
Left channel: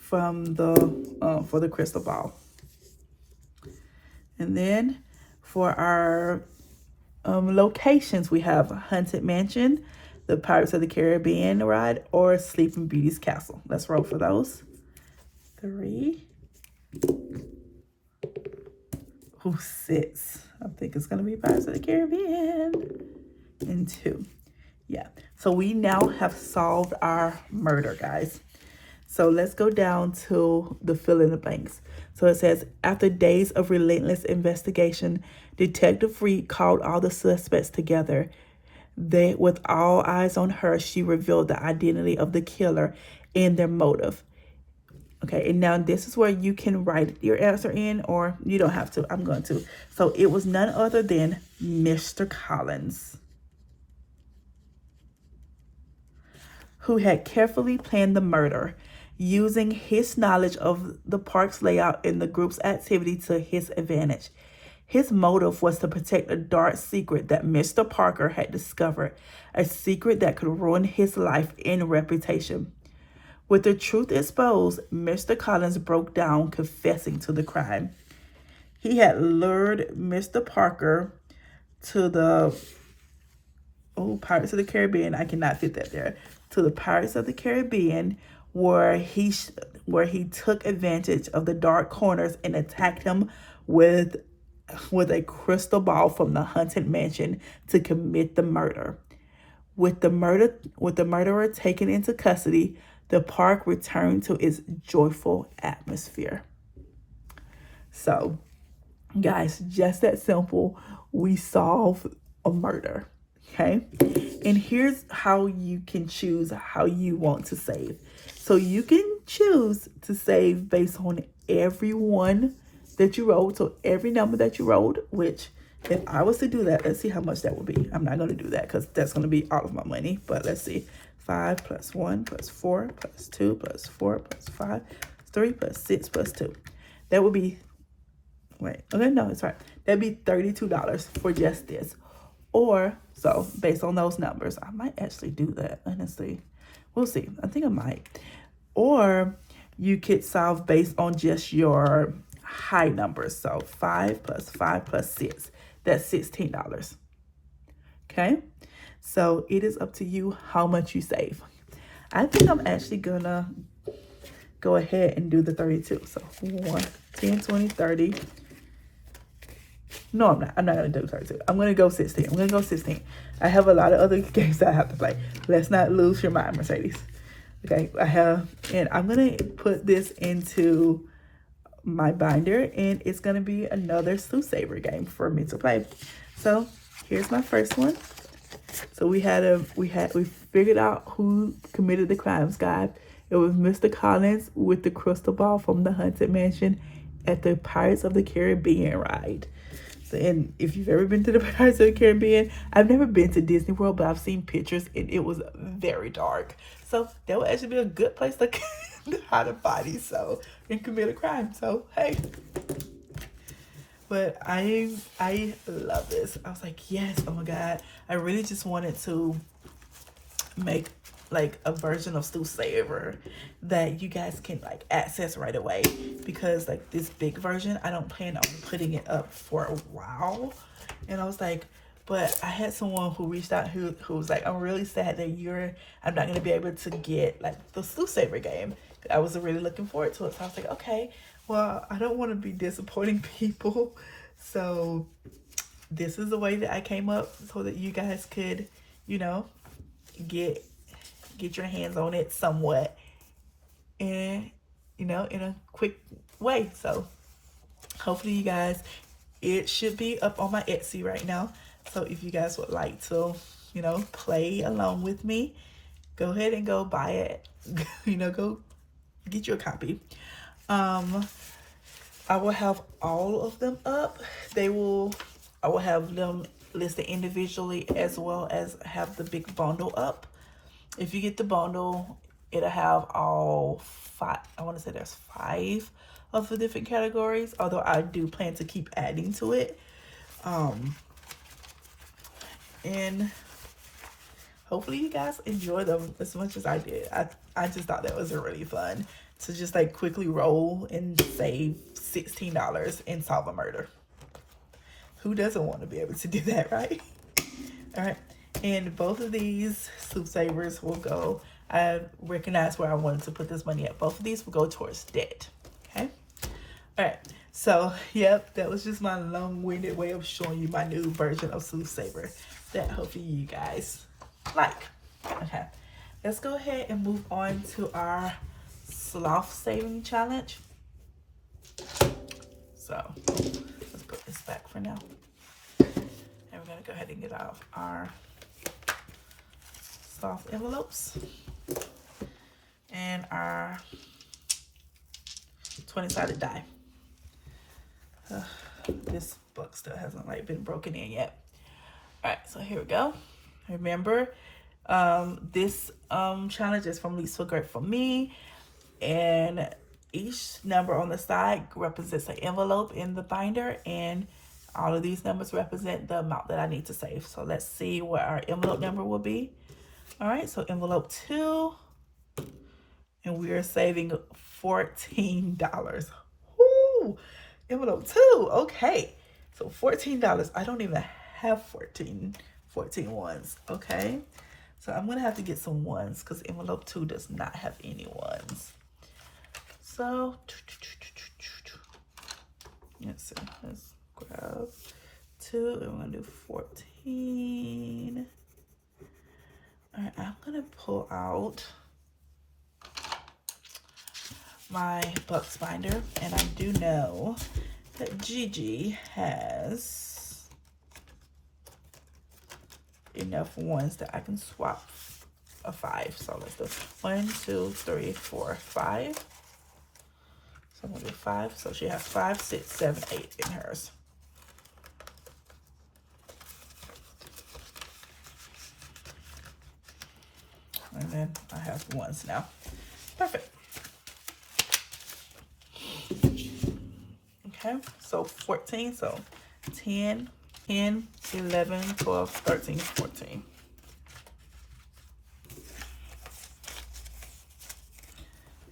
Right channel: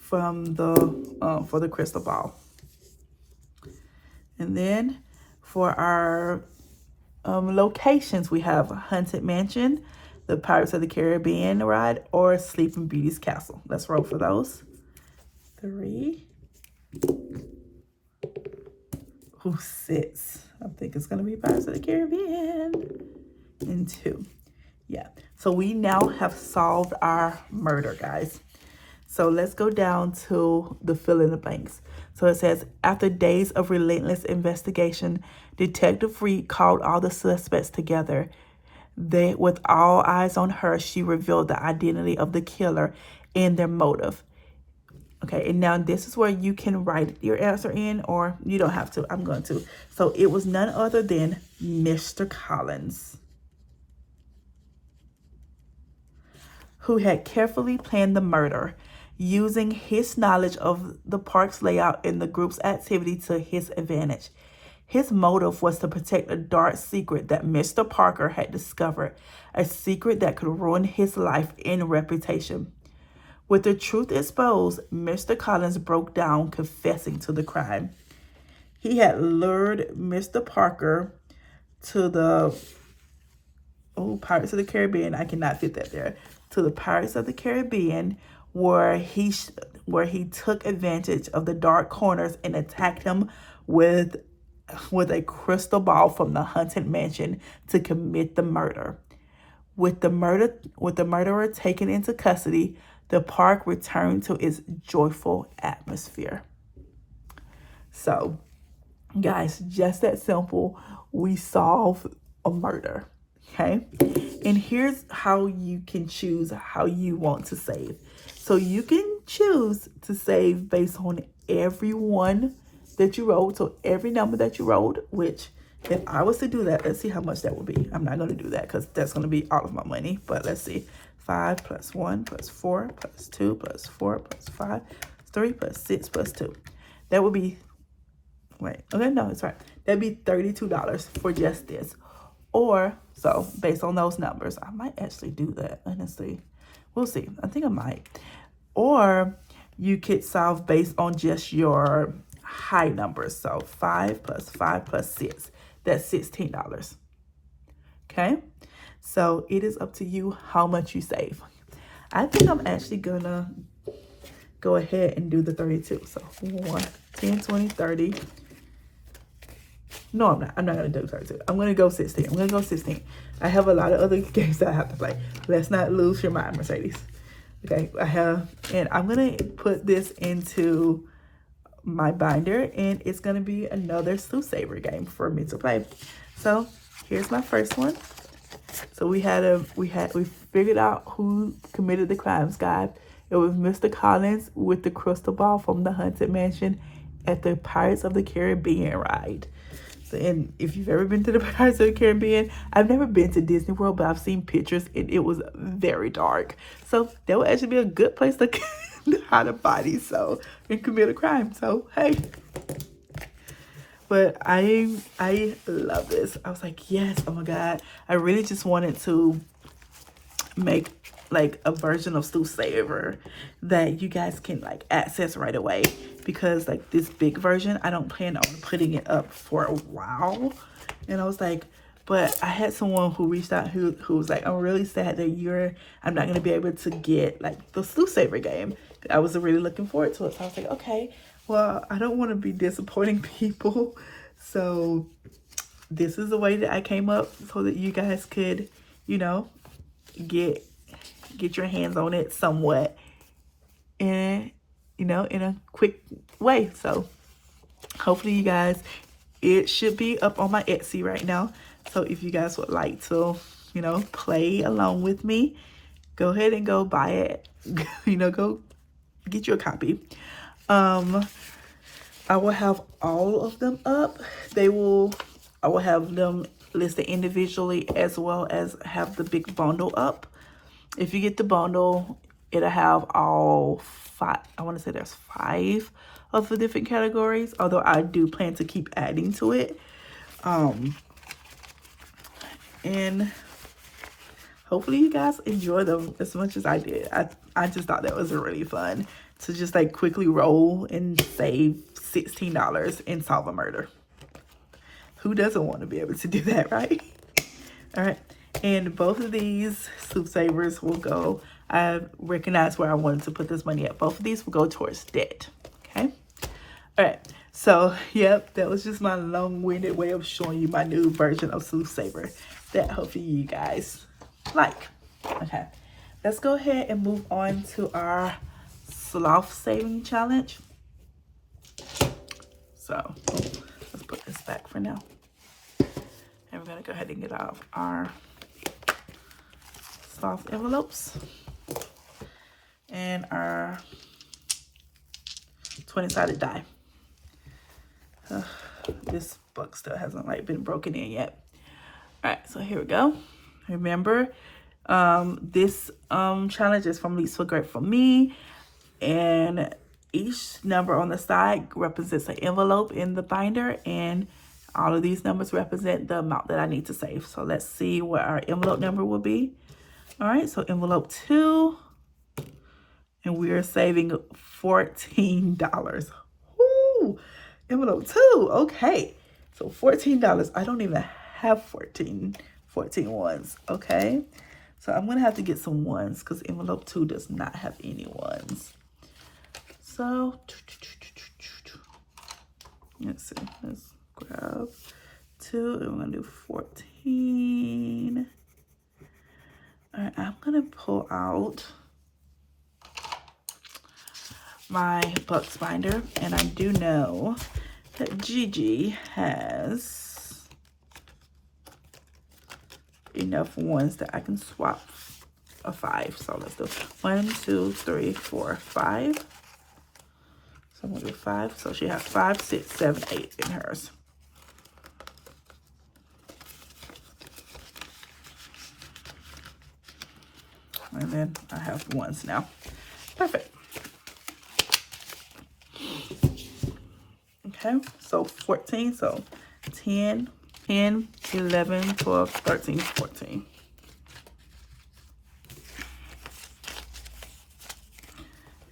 from the for the crystal ball. And then for our locations, we have Haunted Mansion, the Pirates of the Caribbean ride, or Sleeping Beauty's castle. Let's roll for those. 3. Ooh, 6. I think it's going to be Pirates of the Caribbean. And 2. Yeah. So we now have solved our murder, guys. So let's go down to the fill in the blanks. So it says, after days of relentless investigation, Detective Reed called all the suspects together. With all eyes on her, she revealed the identity of the killer and their motive. Okay, and now this is where you can write your answer in, or you don't have to. I'm going to. So it was none other than Mr. Collins, who had carefully planned the murder, using his knowledge of the park's layout and the group's activity to his advantage. His motive was to protect a dark secret that Mr. Parker had discovered, a secret that could ruin his life and reputation. With the truth exposed, Mr. Collins broke down, confessing to the crime. He had lured Mr. Parker to the Pirates of the Caribbean. I cannot fit that there. To the Pirates of the Caribbean, where he took advantage of the dark corners and attacked him with a crystal ball from the Haunted Mansion to commit the murder. With the murderer taken into custody, the park returned to its joyful atmosphere. So, guys, just that simple. We solve a murder, okay? And here's how you can choose how you want to save. So you can choose to save based on every one that you rolled. So every number that you rolled, which if I was to do that, let's see how much that would be. I'm not going to do that because that's going to be all of my money. But let's see. 5 plus 1 plus 4 plus 2 plus 4 plus 5 plus 3 plus 6 plus 2. That would be, it's right. That'd be $32 for just this. Or, so based on those numbers, I might actually do that, honestly. We'll see. I think I might. Or you could solve based on just your high numbers. So 5 plus 5 plus 6. That's $16. Okay? So it is up to you how much you save. I think I'm actually gonna go ahead and do the 32. So 1, 10, 20, 30. No, I'm not. I'm not gonna do 32. I'm gonna go 16. I'm gonna go 16. I have a lot of other games that I have to play. Let's not lose your mind, Mercedes. Okay, and I'm gonna put this into my binder, and it's gonna be another SluethSaver game for me to play. So here's my first one. So we figured out who committed the crimes, guys. It was Mr. Collins with the crystal ball from the Haunted Mansion at the Pirates of the Caribbean ride. So, and if you've ever been to the Pirates of the Caribbean, I've never been to Disney World, but I've seen pictures and it was very dark. So that would actually be a good place to hide a body, so, and commit a crime. So hey. But I love this. I was like, yes, oh my God. I really just wanted to make like a version of SluethSaver that you guys can like access right away, because like this big version, I don't plan on putting it up for a while. And I was like, but I had someone who reached out who was like, I'm really sad that I'm not gonna be able to get like the SluethSaver game. I was really looking forward to it. So I was like, okay, well, I don't want to be disappointing people. So this is the way that I came up so that you guys could, you know, get your hands on it somewhat, and you know, in a quick way. So hopefully you guys, it should be up on my Etsy right now. So if you guys would like to, you know, play along with me, go ahead and go buy it. You know, go get you a copy. I will have all of them up. I will have them listed individually, as well as have the big bundle up. If you get the bundle, it'll have all 5, I want to say there's 5 of the different categories, although I do plan to keep adding to it. And hopefully you guys enjoy them as much as I did. I just thought that was really fun to just like quickly roll and save $16 and solve a murder. Who doesn't want to be able to do that, right? All right. And both of these SluethSavers will go, I recognize where I wanted to put this money at. Both of these will go towards debt, okay? All right, so, yep, that was just my long-winded way of showing you my new version of SluethSaver that hopefully you guys like. Okay, let's go ahead and move on to our Sloth saving challenge. So, let's put this back for now. And we're gonna go ahead and get out our Sloth envelopes and our 20-sided die. This book still hasn't like been broken in yet. All right, so here we go. Remember, this challenge is from Least for Great for Me, and each number on the side represents an envelope in the binder, and all of these numbers represent the amount that I need to save. So let's see what our envelope number will be. All right, so envelope 2, and we are saving $14. Woo! Envelope 2, okay. So $14. I don't even have 14 ones, okay? So I'm gonna have to get some ones because envelope 2 does not have any ones. So let's see, let's grab 2 and we're gonna do 14. All right, I'm gonna pull out my Bux binder, and I do know that Gigi has enough ones that I can swap a 5. So let's do 1, 2, 3, 4, 5. So I'm gonna do 5. So she has 5, 6, 7, 8 in hers. And then I have ones now. Perfect. Okay, so 14, so 10, 11, 12, 13, 14.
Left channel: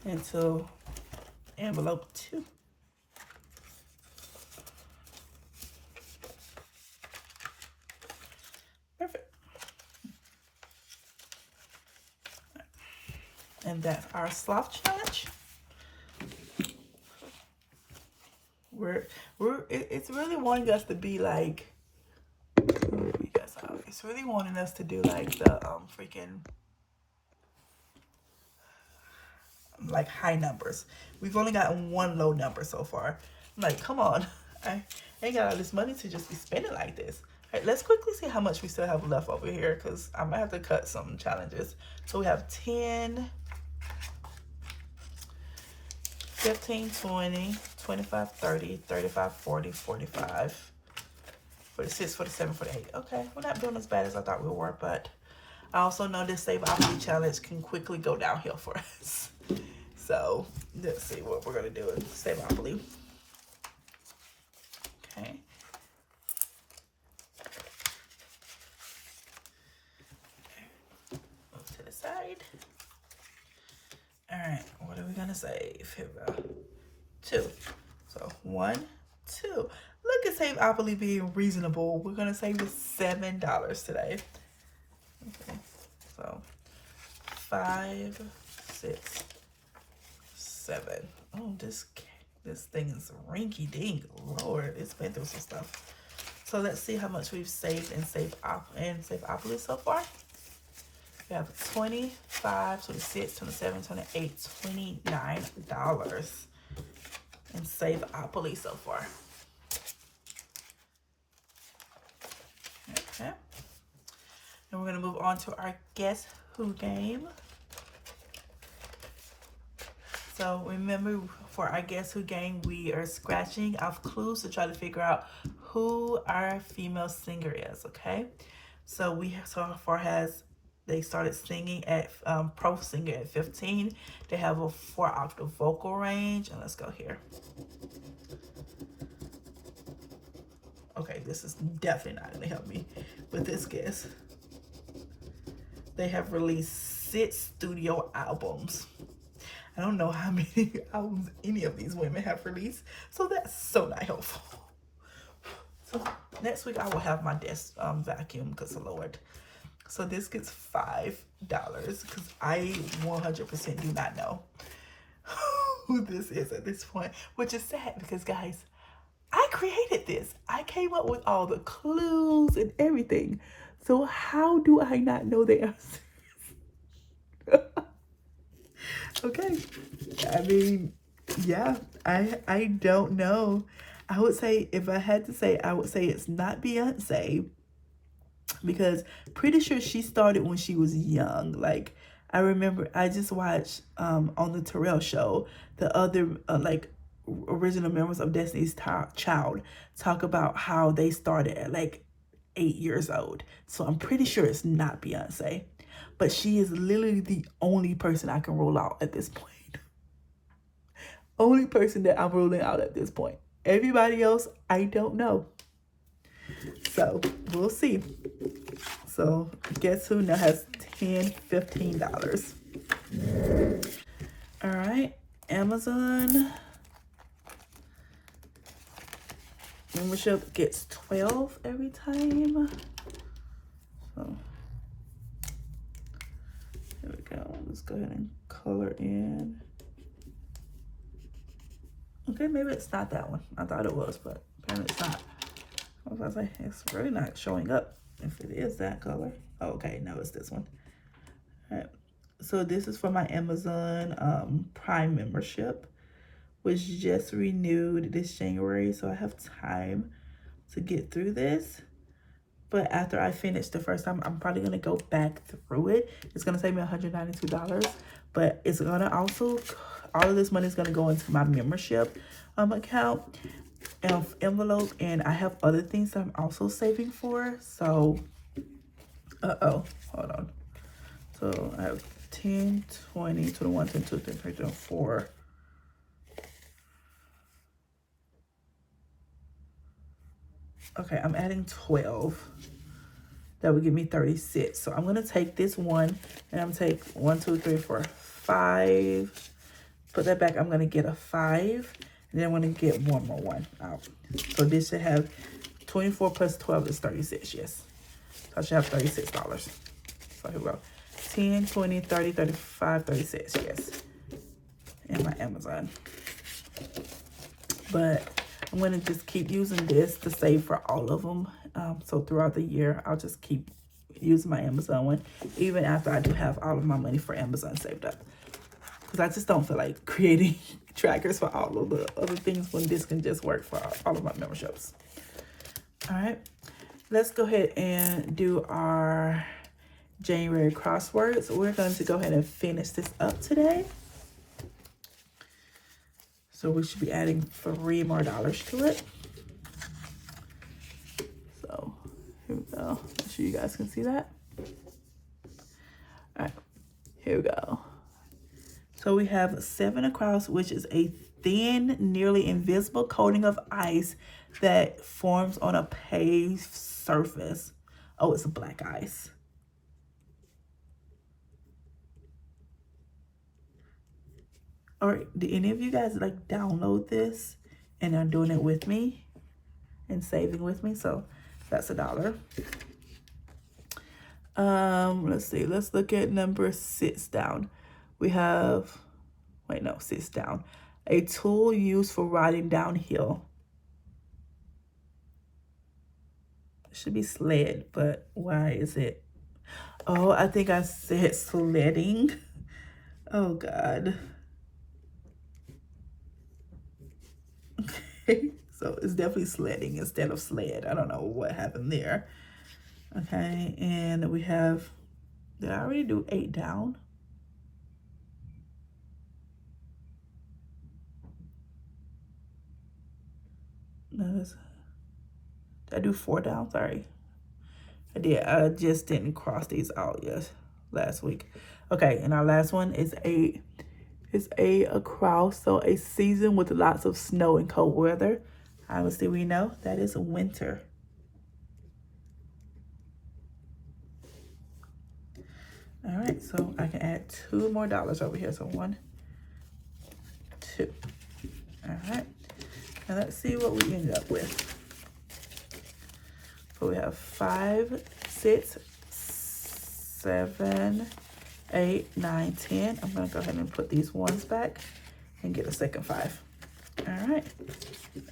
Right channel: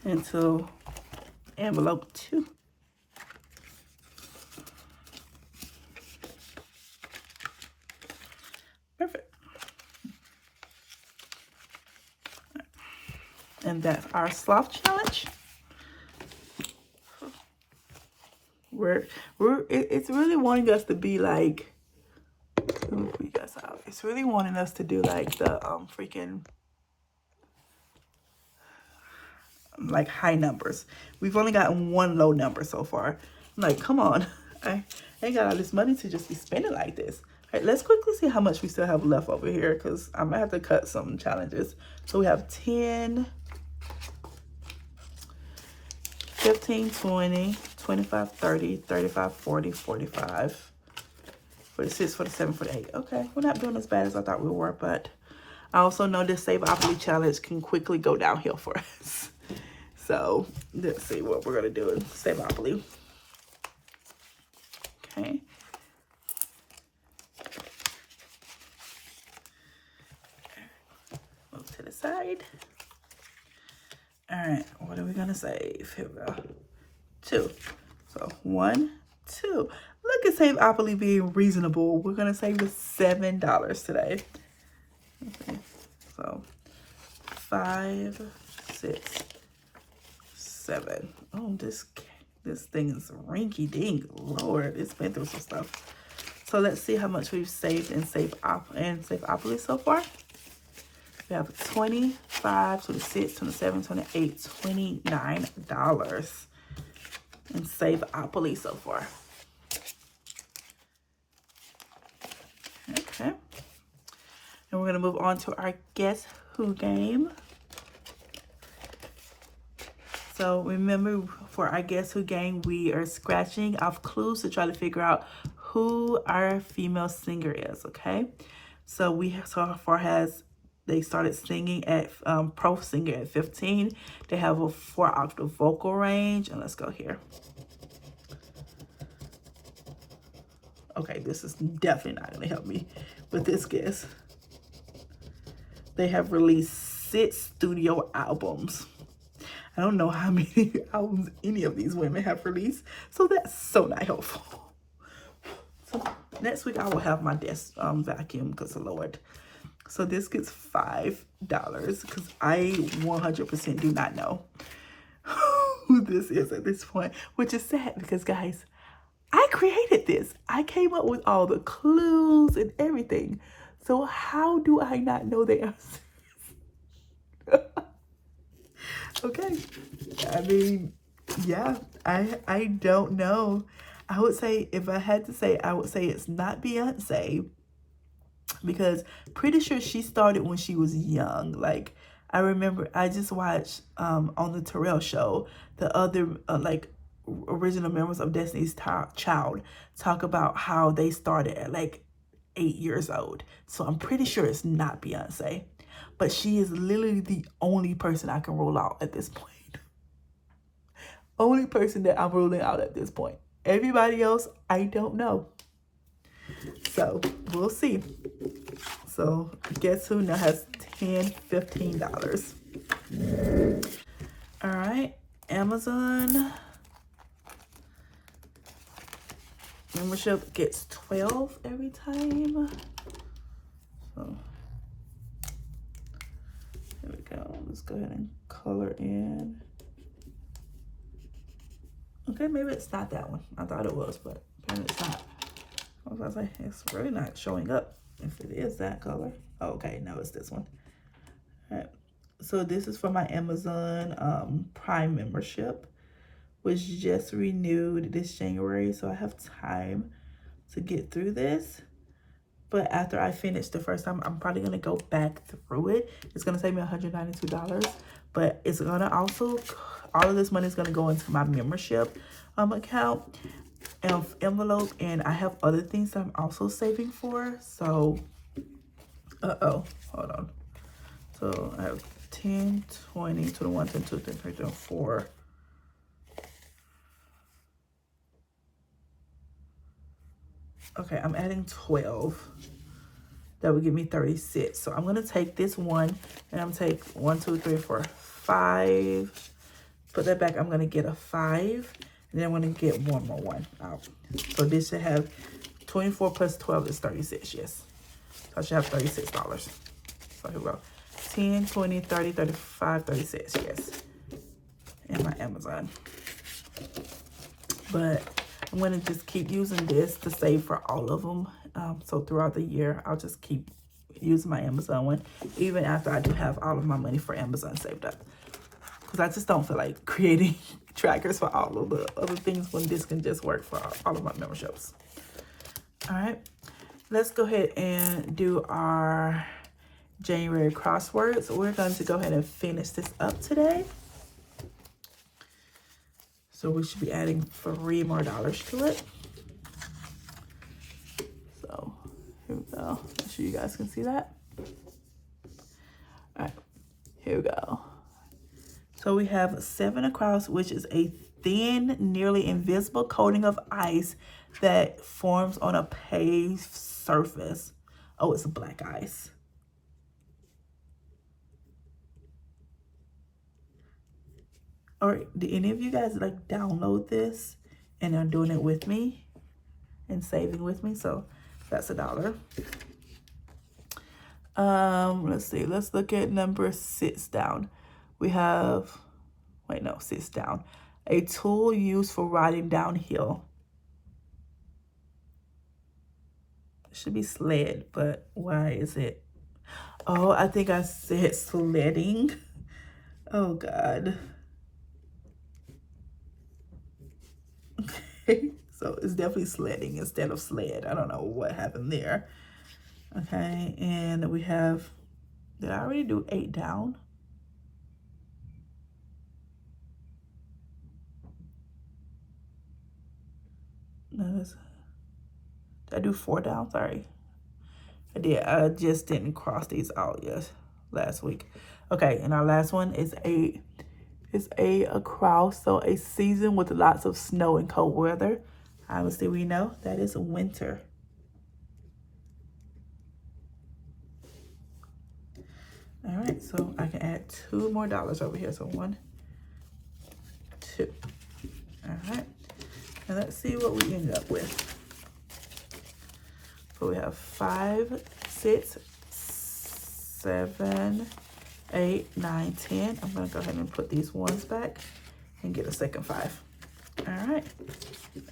Into envelope 2. Perfect. And that's our Sloth challenge. It's really wanting us to be like, it's really wanting us to do like the freaking like high numbers. We've only gotten one low number so far. I'm like, come on. I ain't got all this money to just be spending like this. All right, let's quickly see how much we still have left over here because I'm gonna have to cut some challenges. So we have 10, 15, 20, 25, 30, 35, 40, 45, 46, 47, 48. Okay, we're not doing as bad as I thought we were, but I also know this Saveopoly challenge can quickly go downhill for us. So let's see what we're gonna do in Saveopoly. Okay. Move to the side. All right, what are we gonna save? Here we go. 2. So 1, 2. Look at Saveopoly being reasonable. We're gonna save this $7 today. Okay. So 5, 6, 7. Oh, this thing is rinky dink. Lord, it's been through some stuff. So let's see how much we've saved in Saveopoly so far. We have 25, 26, 27, 28, $29 in Saveopoly so far. Okay. And we're gonna move on to our Guess Who game. So remember, for our Guess Who game, we are scratching off clues to try to figure out who our female singer is, okay? So we so far they started singing at pro singer at 15. They have a 4-octave vocal range, and let's go here. Okay, this is definitely not gonna help me with this guess. They have released 6 studio albums. I don't know how many albums any of these women have released, so that's so not helpful. So next week I will have my desk vacuum because of Lord. So this gets $5 because I 100% do not know who this is at this point, which is sad because, guys, I created this. I came up with all the clues and everything. So how do I not know the answer? Okay, I mean, yeah, I don't know. I would say, if I had to say, I would say it's not Beyonce, because pretty sure she started when she was young. Like, I remember I just watched on the Terrell show, the other like original members of Destiny's Child talk about how they started at like 8 years old. So I'm pretty sure it's not Beyonce. But she is literally the only person I can roll out at this point. Only person that I'm ruling out at this point. Everybody else, I don't know. So, we'll see. So, Guess Who now has $10, $15. All right, Amazon membership gets 12 every time. So, here we go. Let's go ahead and color in. Okay, maybe it's not that one. I thought it was, but apparently it's not. I was about to say, it's really not showing up if it is that color. Oh, okay, no, it's this one. All right. So this is for my Amazon Prime membership, which just renewed this January. So I have time to get through this. But after I finish the first time, I'm probably going to go back through it. It's going to save me $192. But it's going to also, all of this money is going to go into my membership account and envelope. And I have other things that I'm also saving for. So, hold on. So I have 10, 20, 21, 22, 23, 24. Okay, I'm adding 12. That would give me 36. So I'm going to take this one and I'm going to take 1, 2, 3, 4, 5. Put that back. I'm going to get a 5. And then I'm going to get one more one out. So this should have 24 plus 12 is 36. Yes. So I should have $36. So here we go. 10, 20, 30, 35, 36. Yes. In my Amazon. But I'm going to just keep using this to save for all of them. So throughout the year, I'll just keep using my Amazon one, even after I do have all of my money for Amazon saved up. because I just don't feel like creating trackers for all of the other things when this can just work for all of my memberships. All right, let's go ahead and do our January crosswords. We're going to go ahead and finish this up today. So we should be adding $3 more to it. So here we go. Make sure you guys can see that. All right, here we go. So we have 7 across, which is a thin, nearly invisible coating of ice that forms on a paved surface. Oh, it's black ice. All right, did any of you guys like download this and are doing it with me and saving with me? So that's $1. Let's see, let's look at number 6 down. We have, wait, no, 6 down. A tool used for riding downhill. It should be sled, but why is it? Oh, I think I said sledding. Oh, God. Okay, so it's definitely sledding instead of sled. I don't know what happened there. Okay, and we have, did I already do 8 down? No, did I do 4 down? Sorry. I did. I just didn't cross these out yet last week. Okay, and our last one is a across, so a season with lots of snow and cold weather. Obviously, we know that is winter. All right, so I can add $2 more over here. So 1, 2. All right, now let's see what we ended up with. So we have 5, 6, 7, 8, 9, 10. I'm gonna go ahead and put these ones back and get a second 5. All right,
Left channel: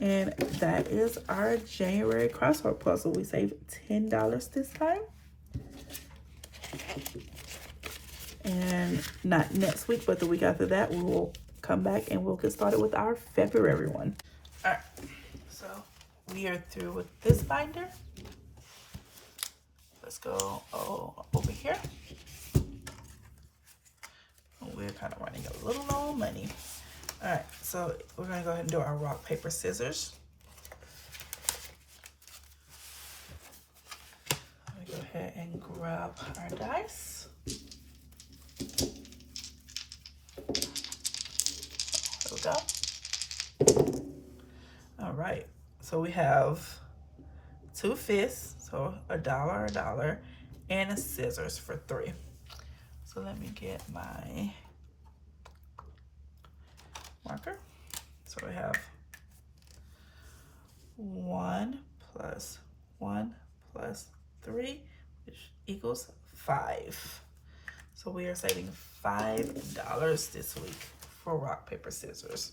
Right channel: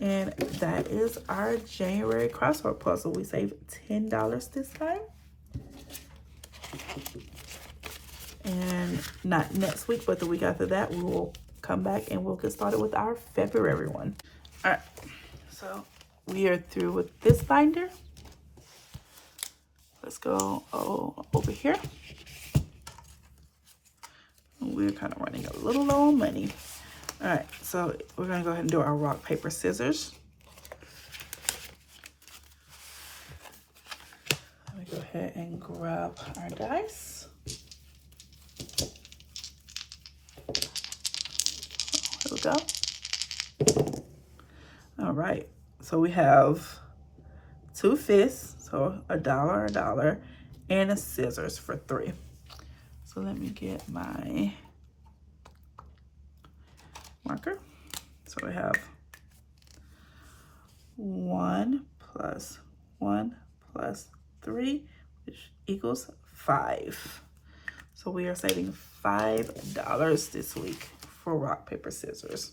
and that is our January crossword puzzle. We saved $10 this time. And not next week, but the week after that, we will come back and we'll get started with our February one. All right, so we are through with this binder. Let's go over here. We're kind of running a little low on money. All right, so we're gonna go ahead and do our rock, paper, scissors. I'm gonna go ahead and grab our dice. Here we go. All right, so we have 2 fists, so $1, and a scissors for 3. So let me get my marker. So we have 1 plus 1 plus 3, which equals 5. So we are saving $5 this week for rock, paper, scissors.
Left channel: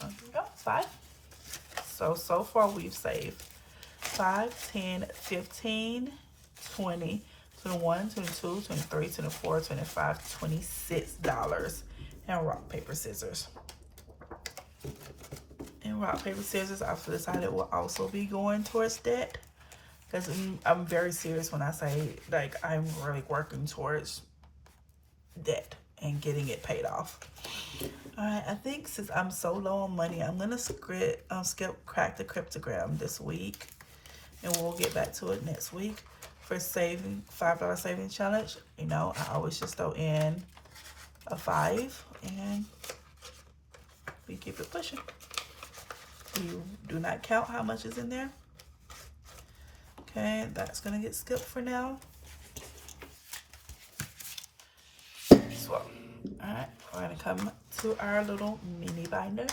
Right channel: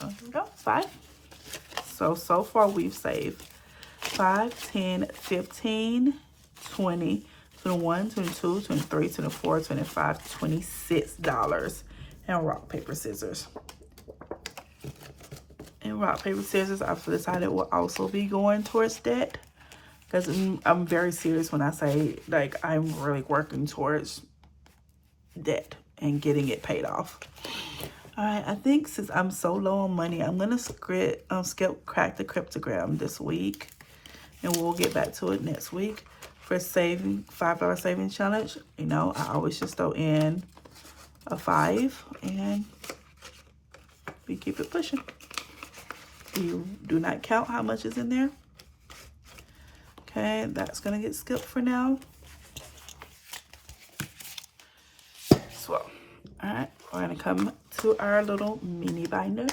So here we go, 5. So far we've saved 5, 10, 15, 20, 21, 22, 23, 24, 25, $26 in rock, paper, scissors. And rock, paper, scissors, I've decided will also be going towards debt. Because I'm very serious when I say, like, I'm really working towards debt and getting it paid off. All right, I think since I'm so low on money, I'm going to crack the cryptogram this week. And we'll get back to it next week for saving $5 savings challenge. You know, I always just throw in a 5 and we keep it pushing. You do not count how much is in there. Okay, that's gonna get skipped for now. So, all right, we're gonna come to our little mini binder.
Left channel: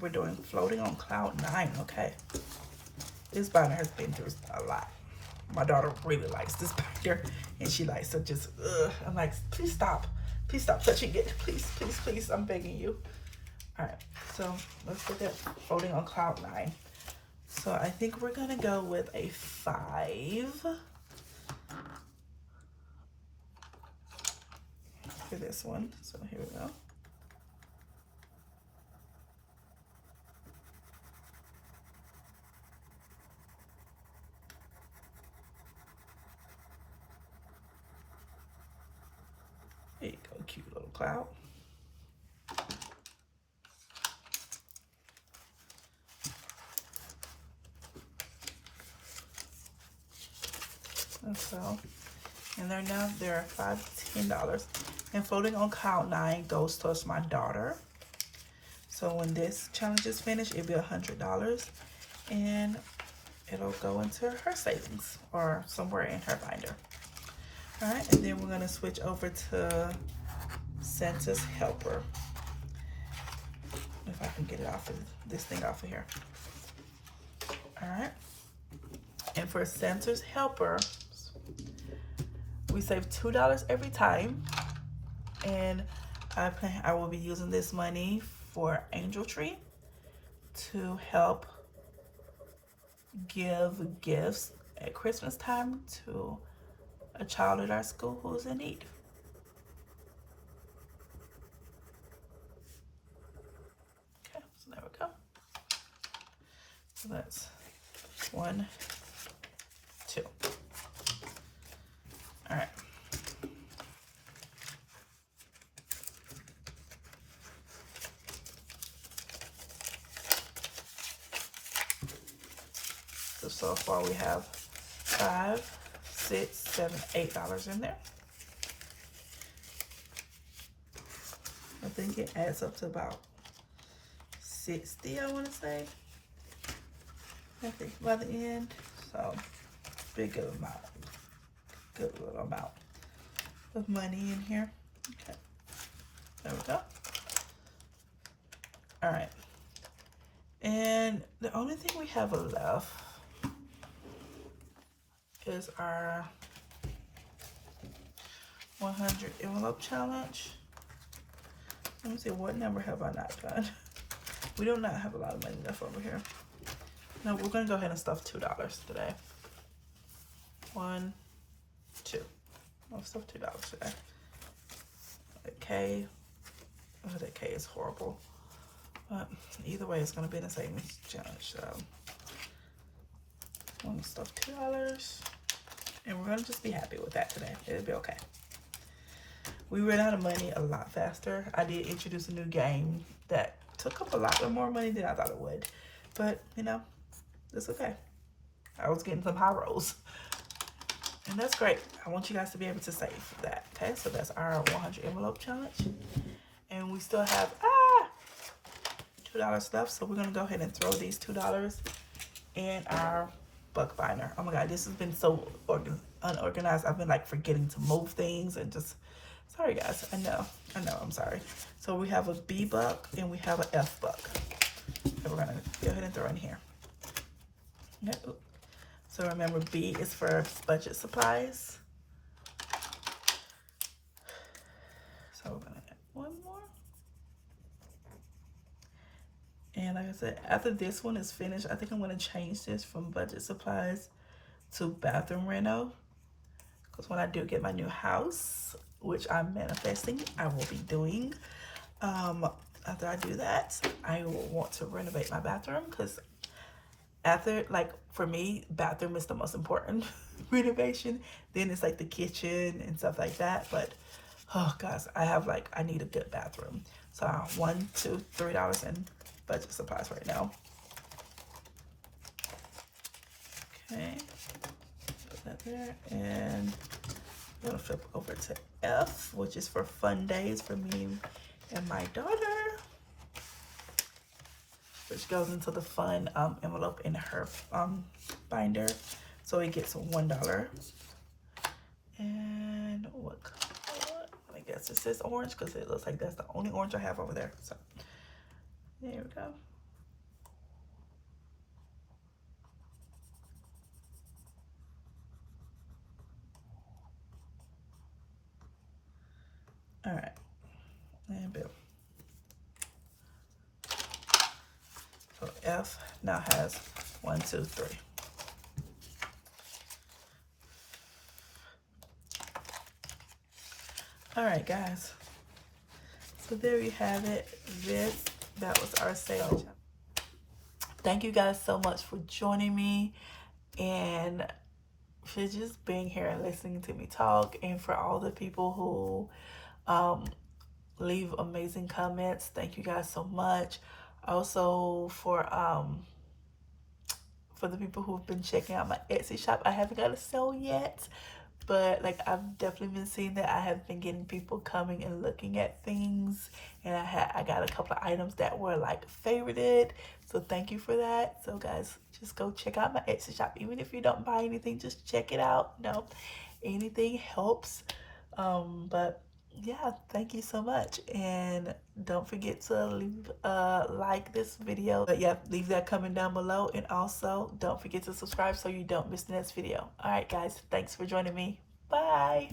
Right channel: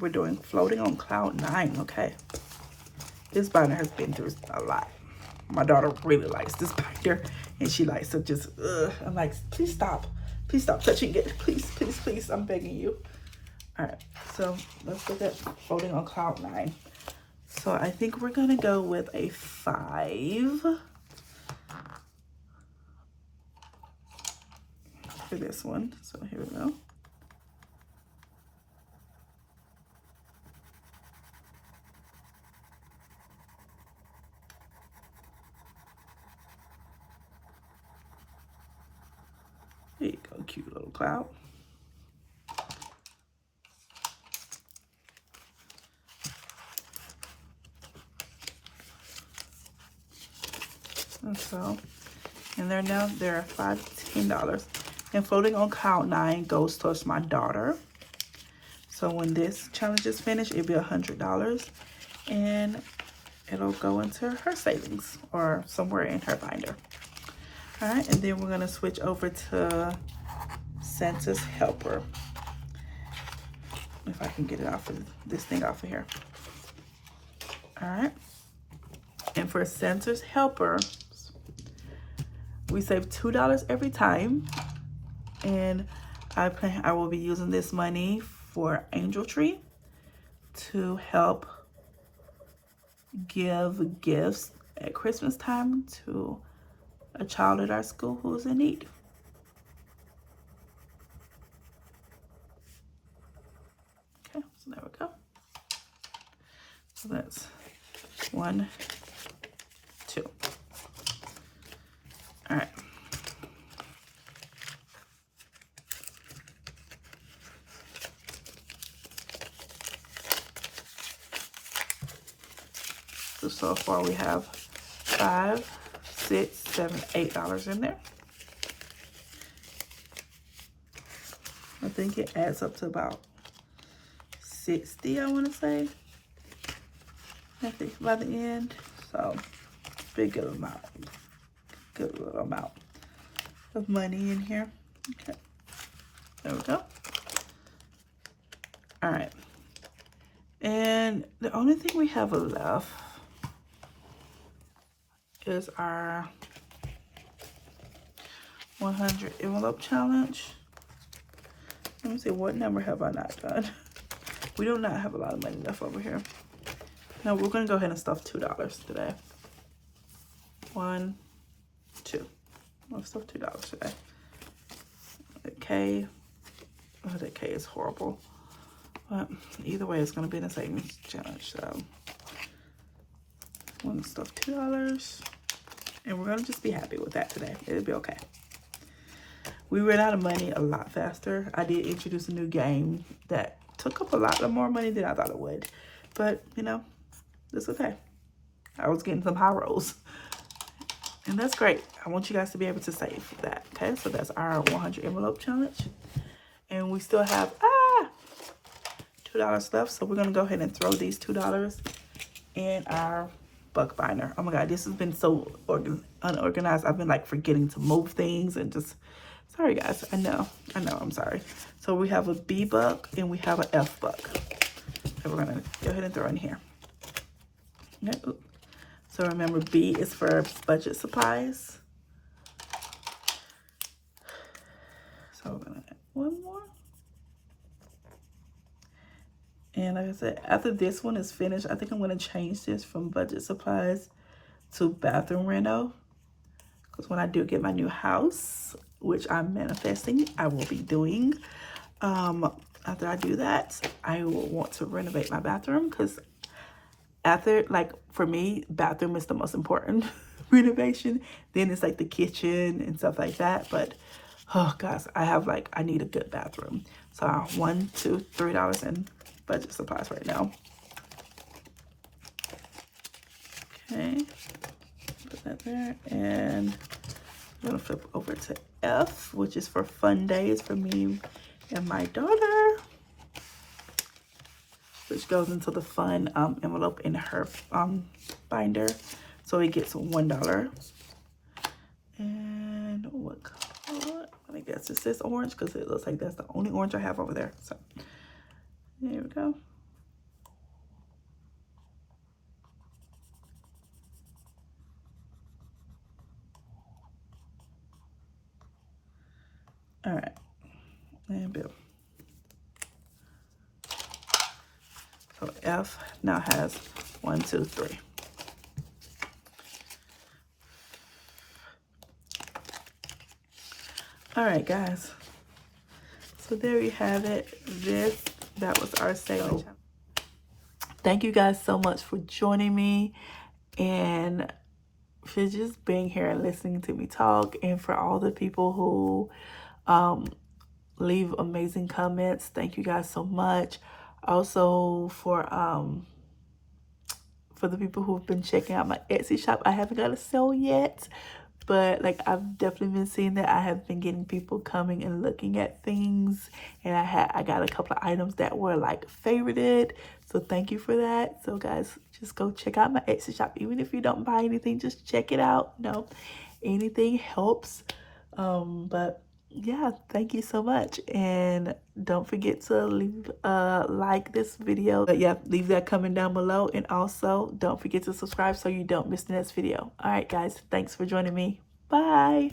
We're doing floating on cloud 9. Okay, this binder has been through a lot. My daughter really likes this binder, and she likes to just I'm like, please stop touching it, please, I'm begging you. All right, so let's look at floating on cloud 9. So I think we're gonna go with a 5. for this one. So here we go. There you go, cute little cloud. And so, and they're $5 to $10. And floating on cloud 9 goes towards my daughter. So when this challenge is finished, it'll be $100, and it'll go into her savings or somewhere in her binder. All right, and then we're gonna switch over to Santa's Helper. If I can get it off of this thing off of here. All right, and for Santa's Helper, we save $2 every time, and I will be using this money for Angel Tree to help give gifts at Christmas time to a child at our school who's in need. Okay, so there we go. So that's 1, 2. All right. So far we have $5, $6, $7, $8 in there. I think it adds up to about 60, I want to say. I think by the end. So big good amount. Good little amount of money in here. Okay. There we go. All right. And the only thing we have left is our 100 envelope challenge. Let me see, what number have I not done? We do not have a lot of money left over here. No, we're gonna go ahead and stuff $2 today. 1, 2. We'll stuff $2 today. The K, oh, that K is horrible. But either way, it's gonna be in the savings challenge. So I'm gonna stuff $2. And we're gonna just be happy with that today. It'll be okay. We ran out of money a lot faster. I did introduce a new game that took up a lot more money than I thought it would. But, you know, it's okay. I was getting some high rolls. And that's great. I want you guys to be able to save that. Okay, so that's our 100 envelope challenge. And we still have $2 left. So we're gonna go ahead and throw these $2 in our buck binder. Oh my God, this has been so unorganized. I've been like forgetting to move things and just, sorry guys, I know, I'm sorry. So we have a B buck and we have an F buck. So we're gonna go ahead and throw in here. Okay. So remember, B is for budget supplies. So we're gonna add one more. And like I said, after this one is finished, I think I'm gonna change this from budget supplies to bathroom reno. Because when I do get my new house, which I'm manifesting, I will be doing. After I do that, I will want to renovate my bathroom, because after, like, for me, bathroom is the most important renovation. Then it's like the kitchen and stuff like that. But oh gosh, I need a good bathroom. So $1, $2, $3 in budget supplies right now. Okay, put that there, and I'm gonna flip over to F, which is for fun days for me and my daughter, which goes into the fun envelope in her binder. So it gets $1. And what color? I guess it says orange, because it looks like that's the only orange I have over there. So there we go. All right, and Bill. So F now has 1, 2, 3. All right, guys. So there you have it. That was our sale. Thank you guys so much for joining me and for just being here and listening to me talk, and for all the people who leave amazing comments. Thank you guys so much. Also for the people who've been checking out my Etsy shop. I haven't got a sale yet, but like I've definitely been seeing that. I have been getting people coming and looking at things, and I got a couple of items that were like favorited. So thank you for that. So guys, just go check out my Etsy shop. Even if you don't buy anything, just check it out. You know, anything helps. But yeah, thank you so much, and don't forget to leave like this video. But yeah, leave that comment down below, and also don't forget to subscribe so you don't miss the next video. All right guys, thanks for joining me. Bye.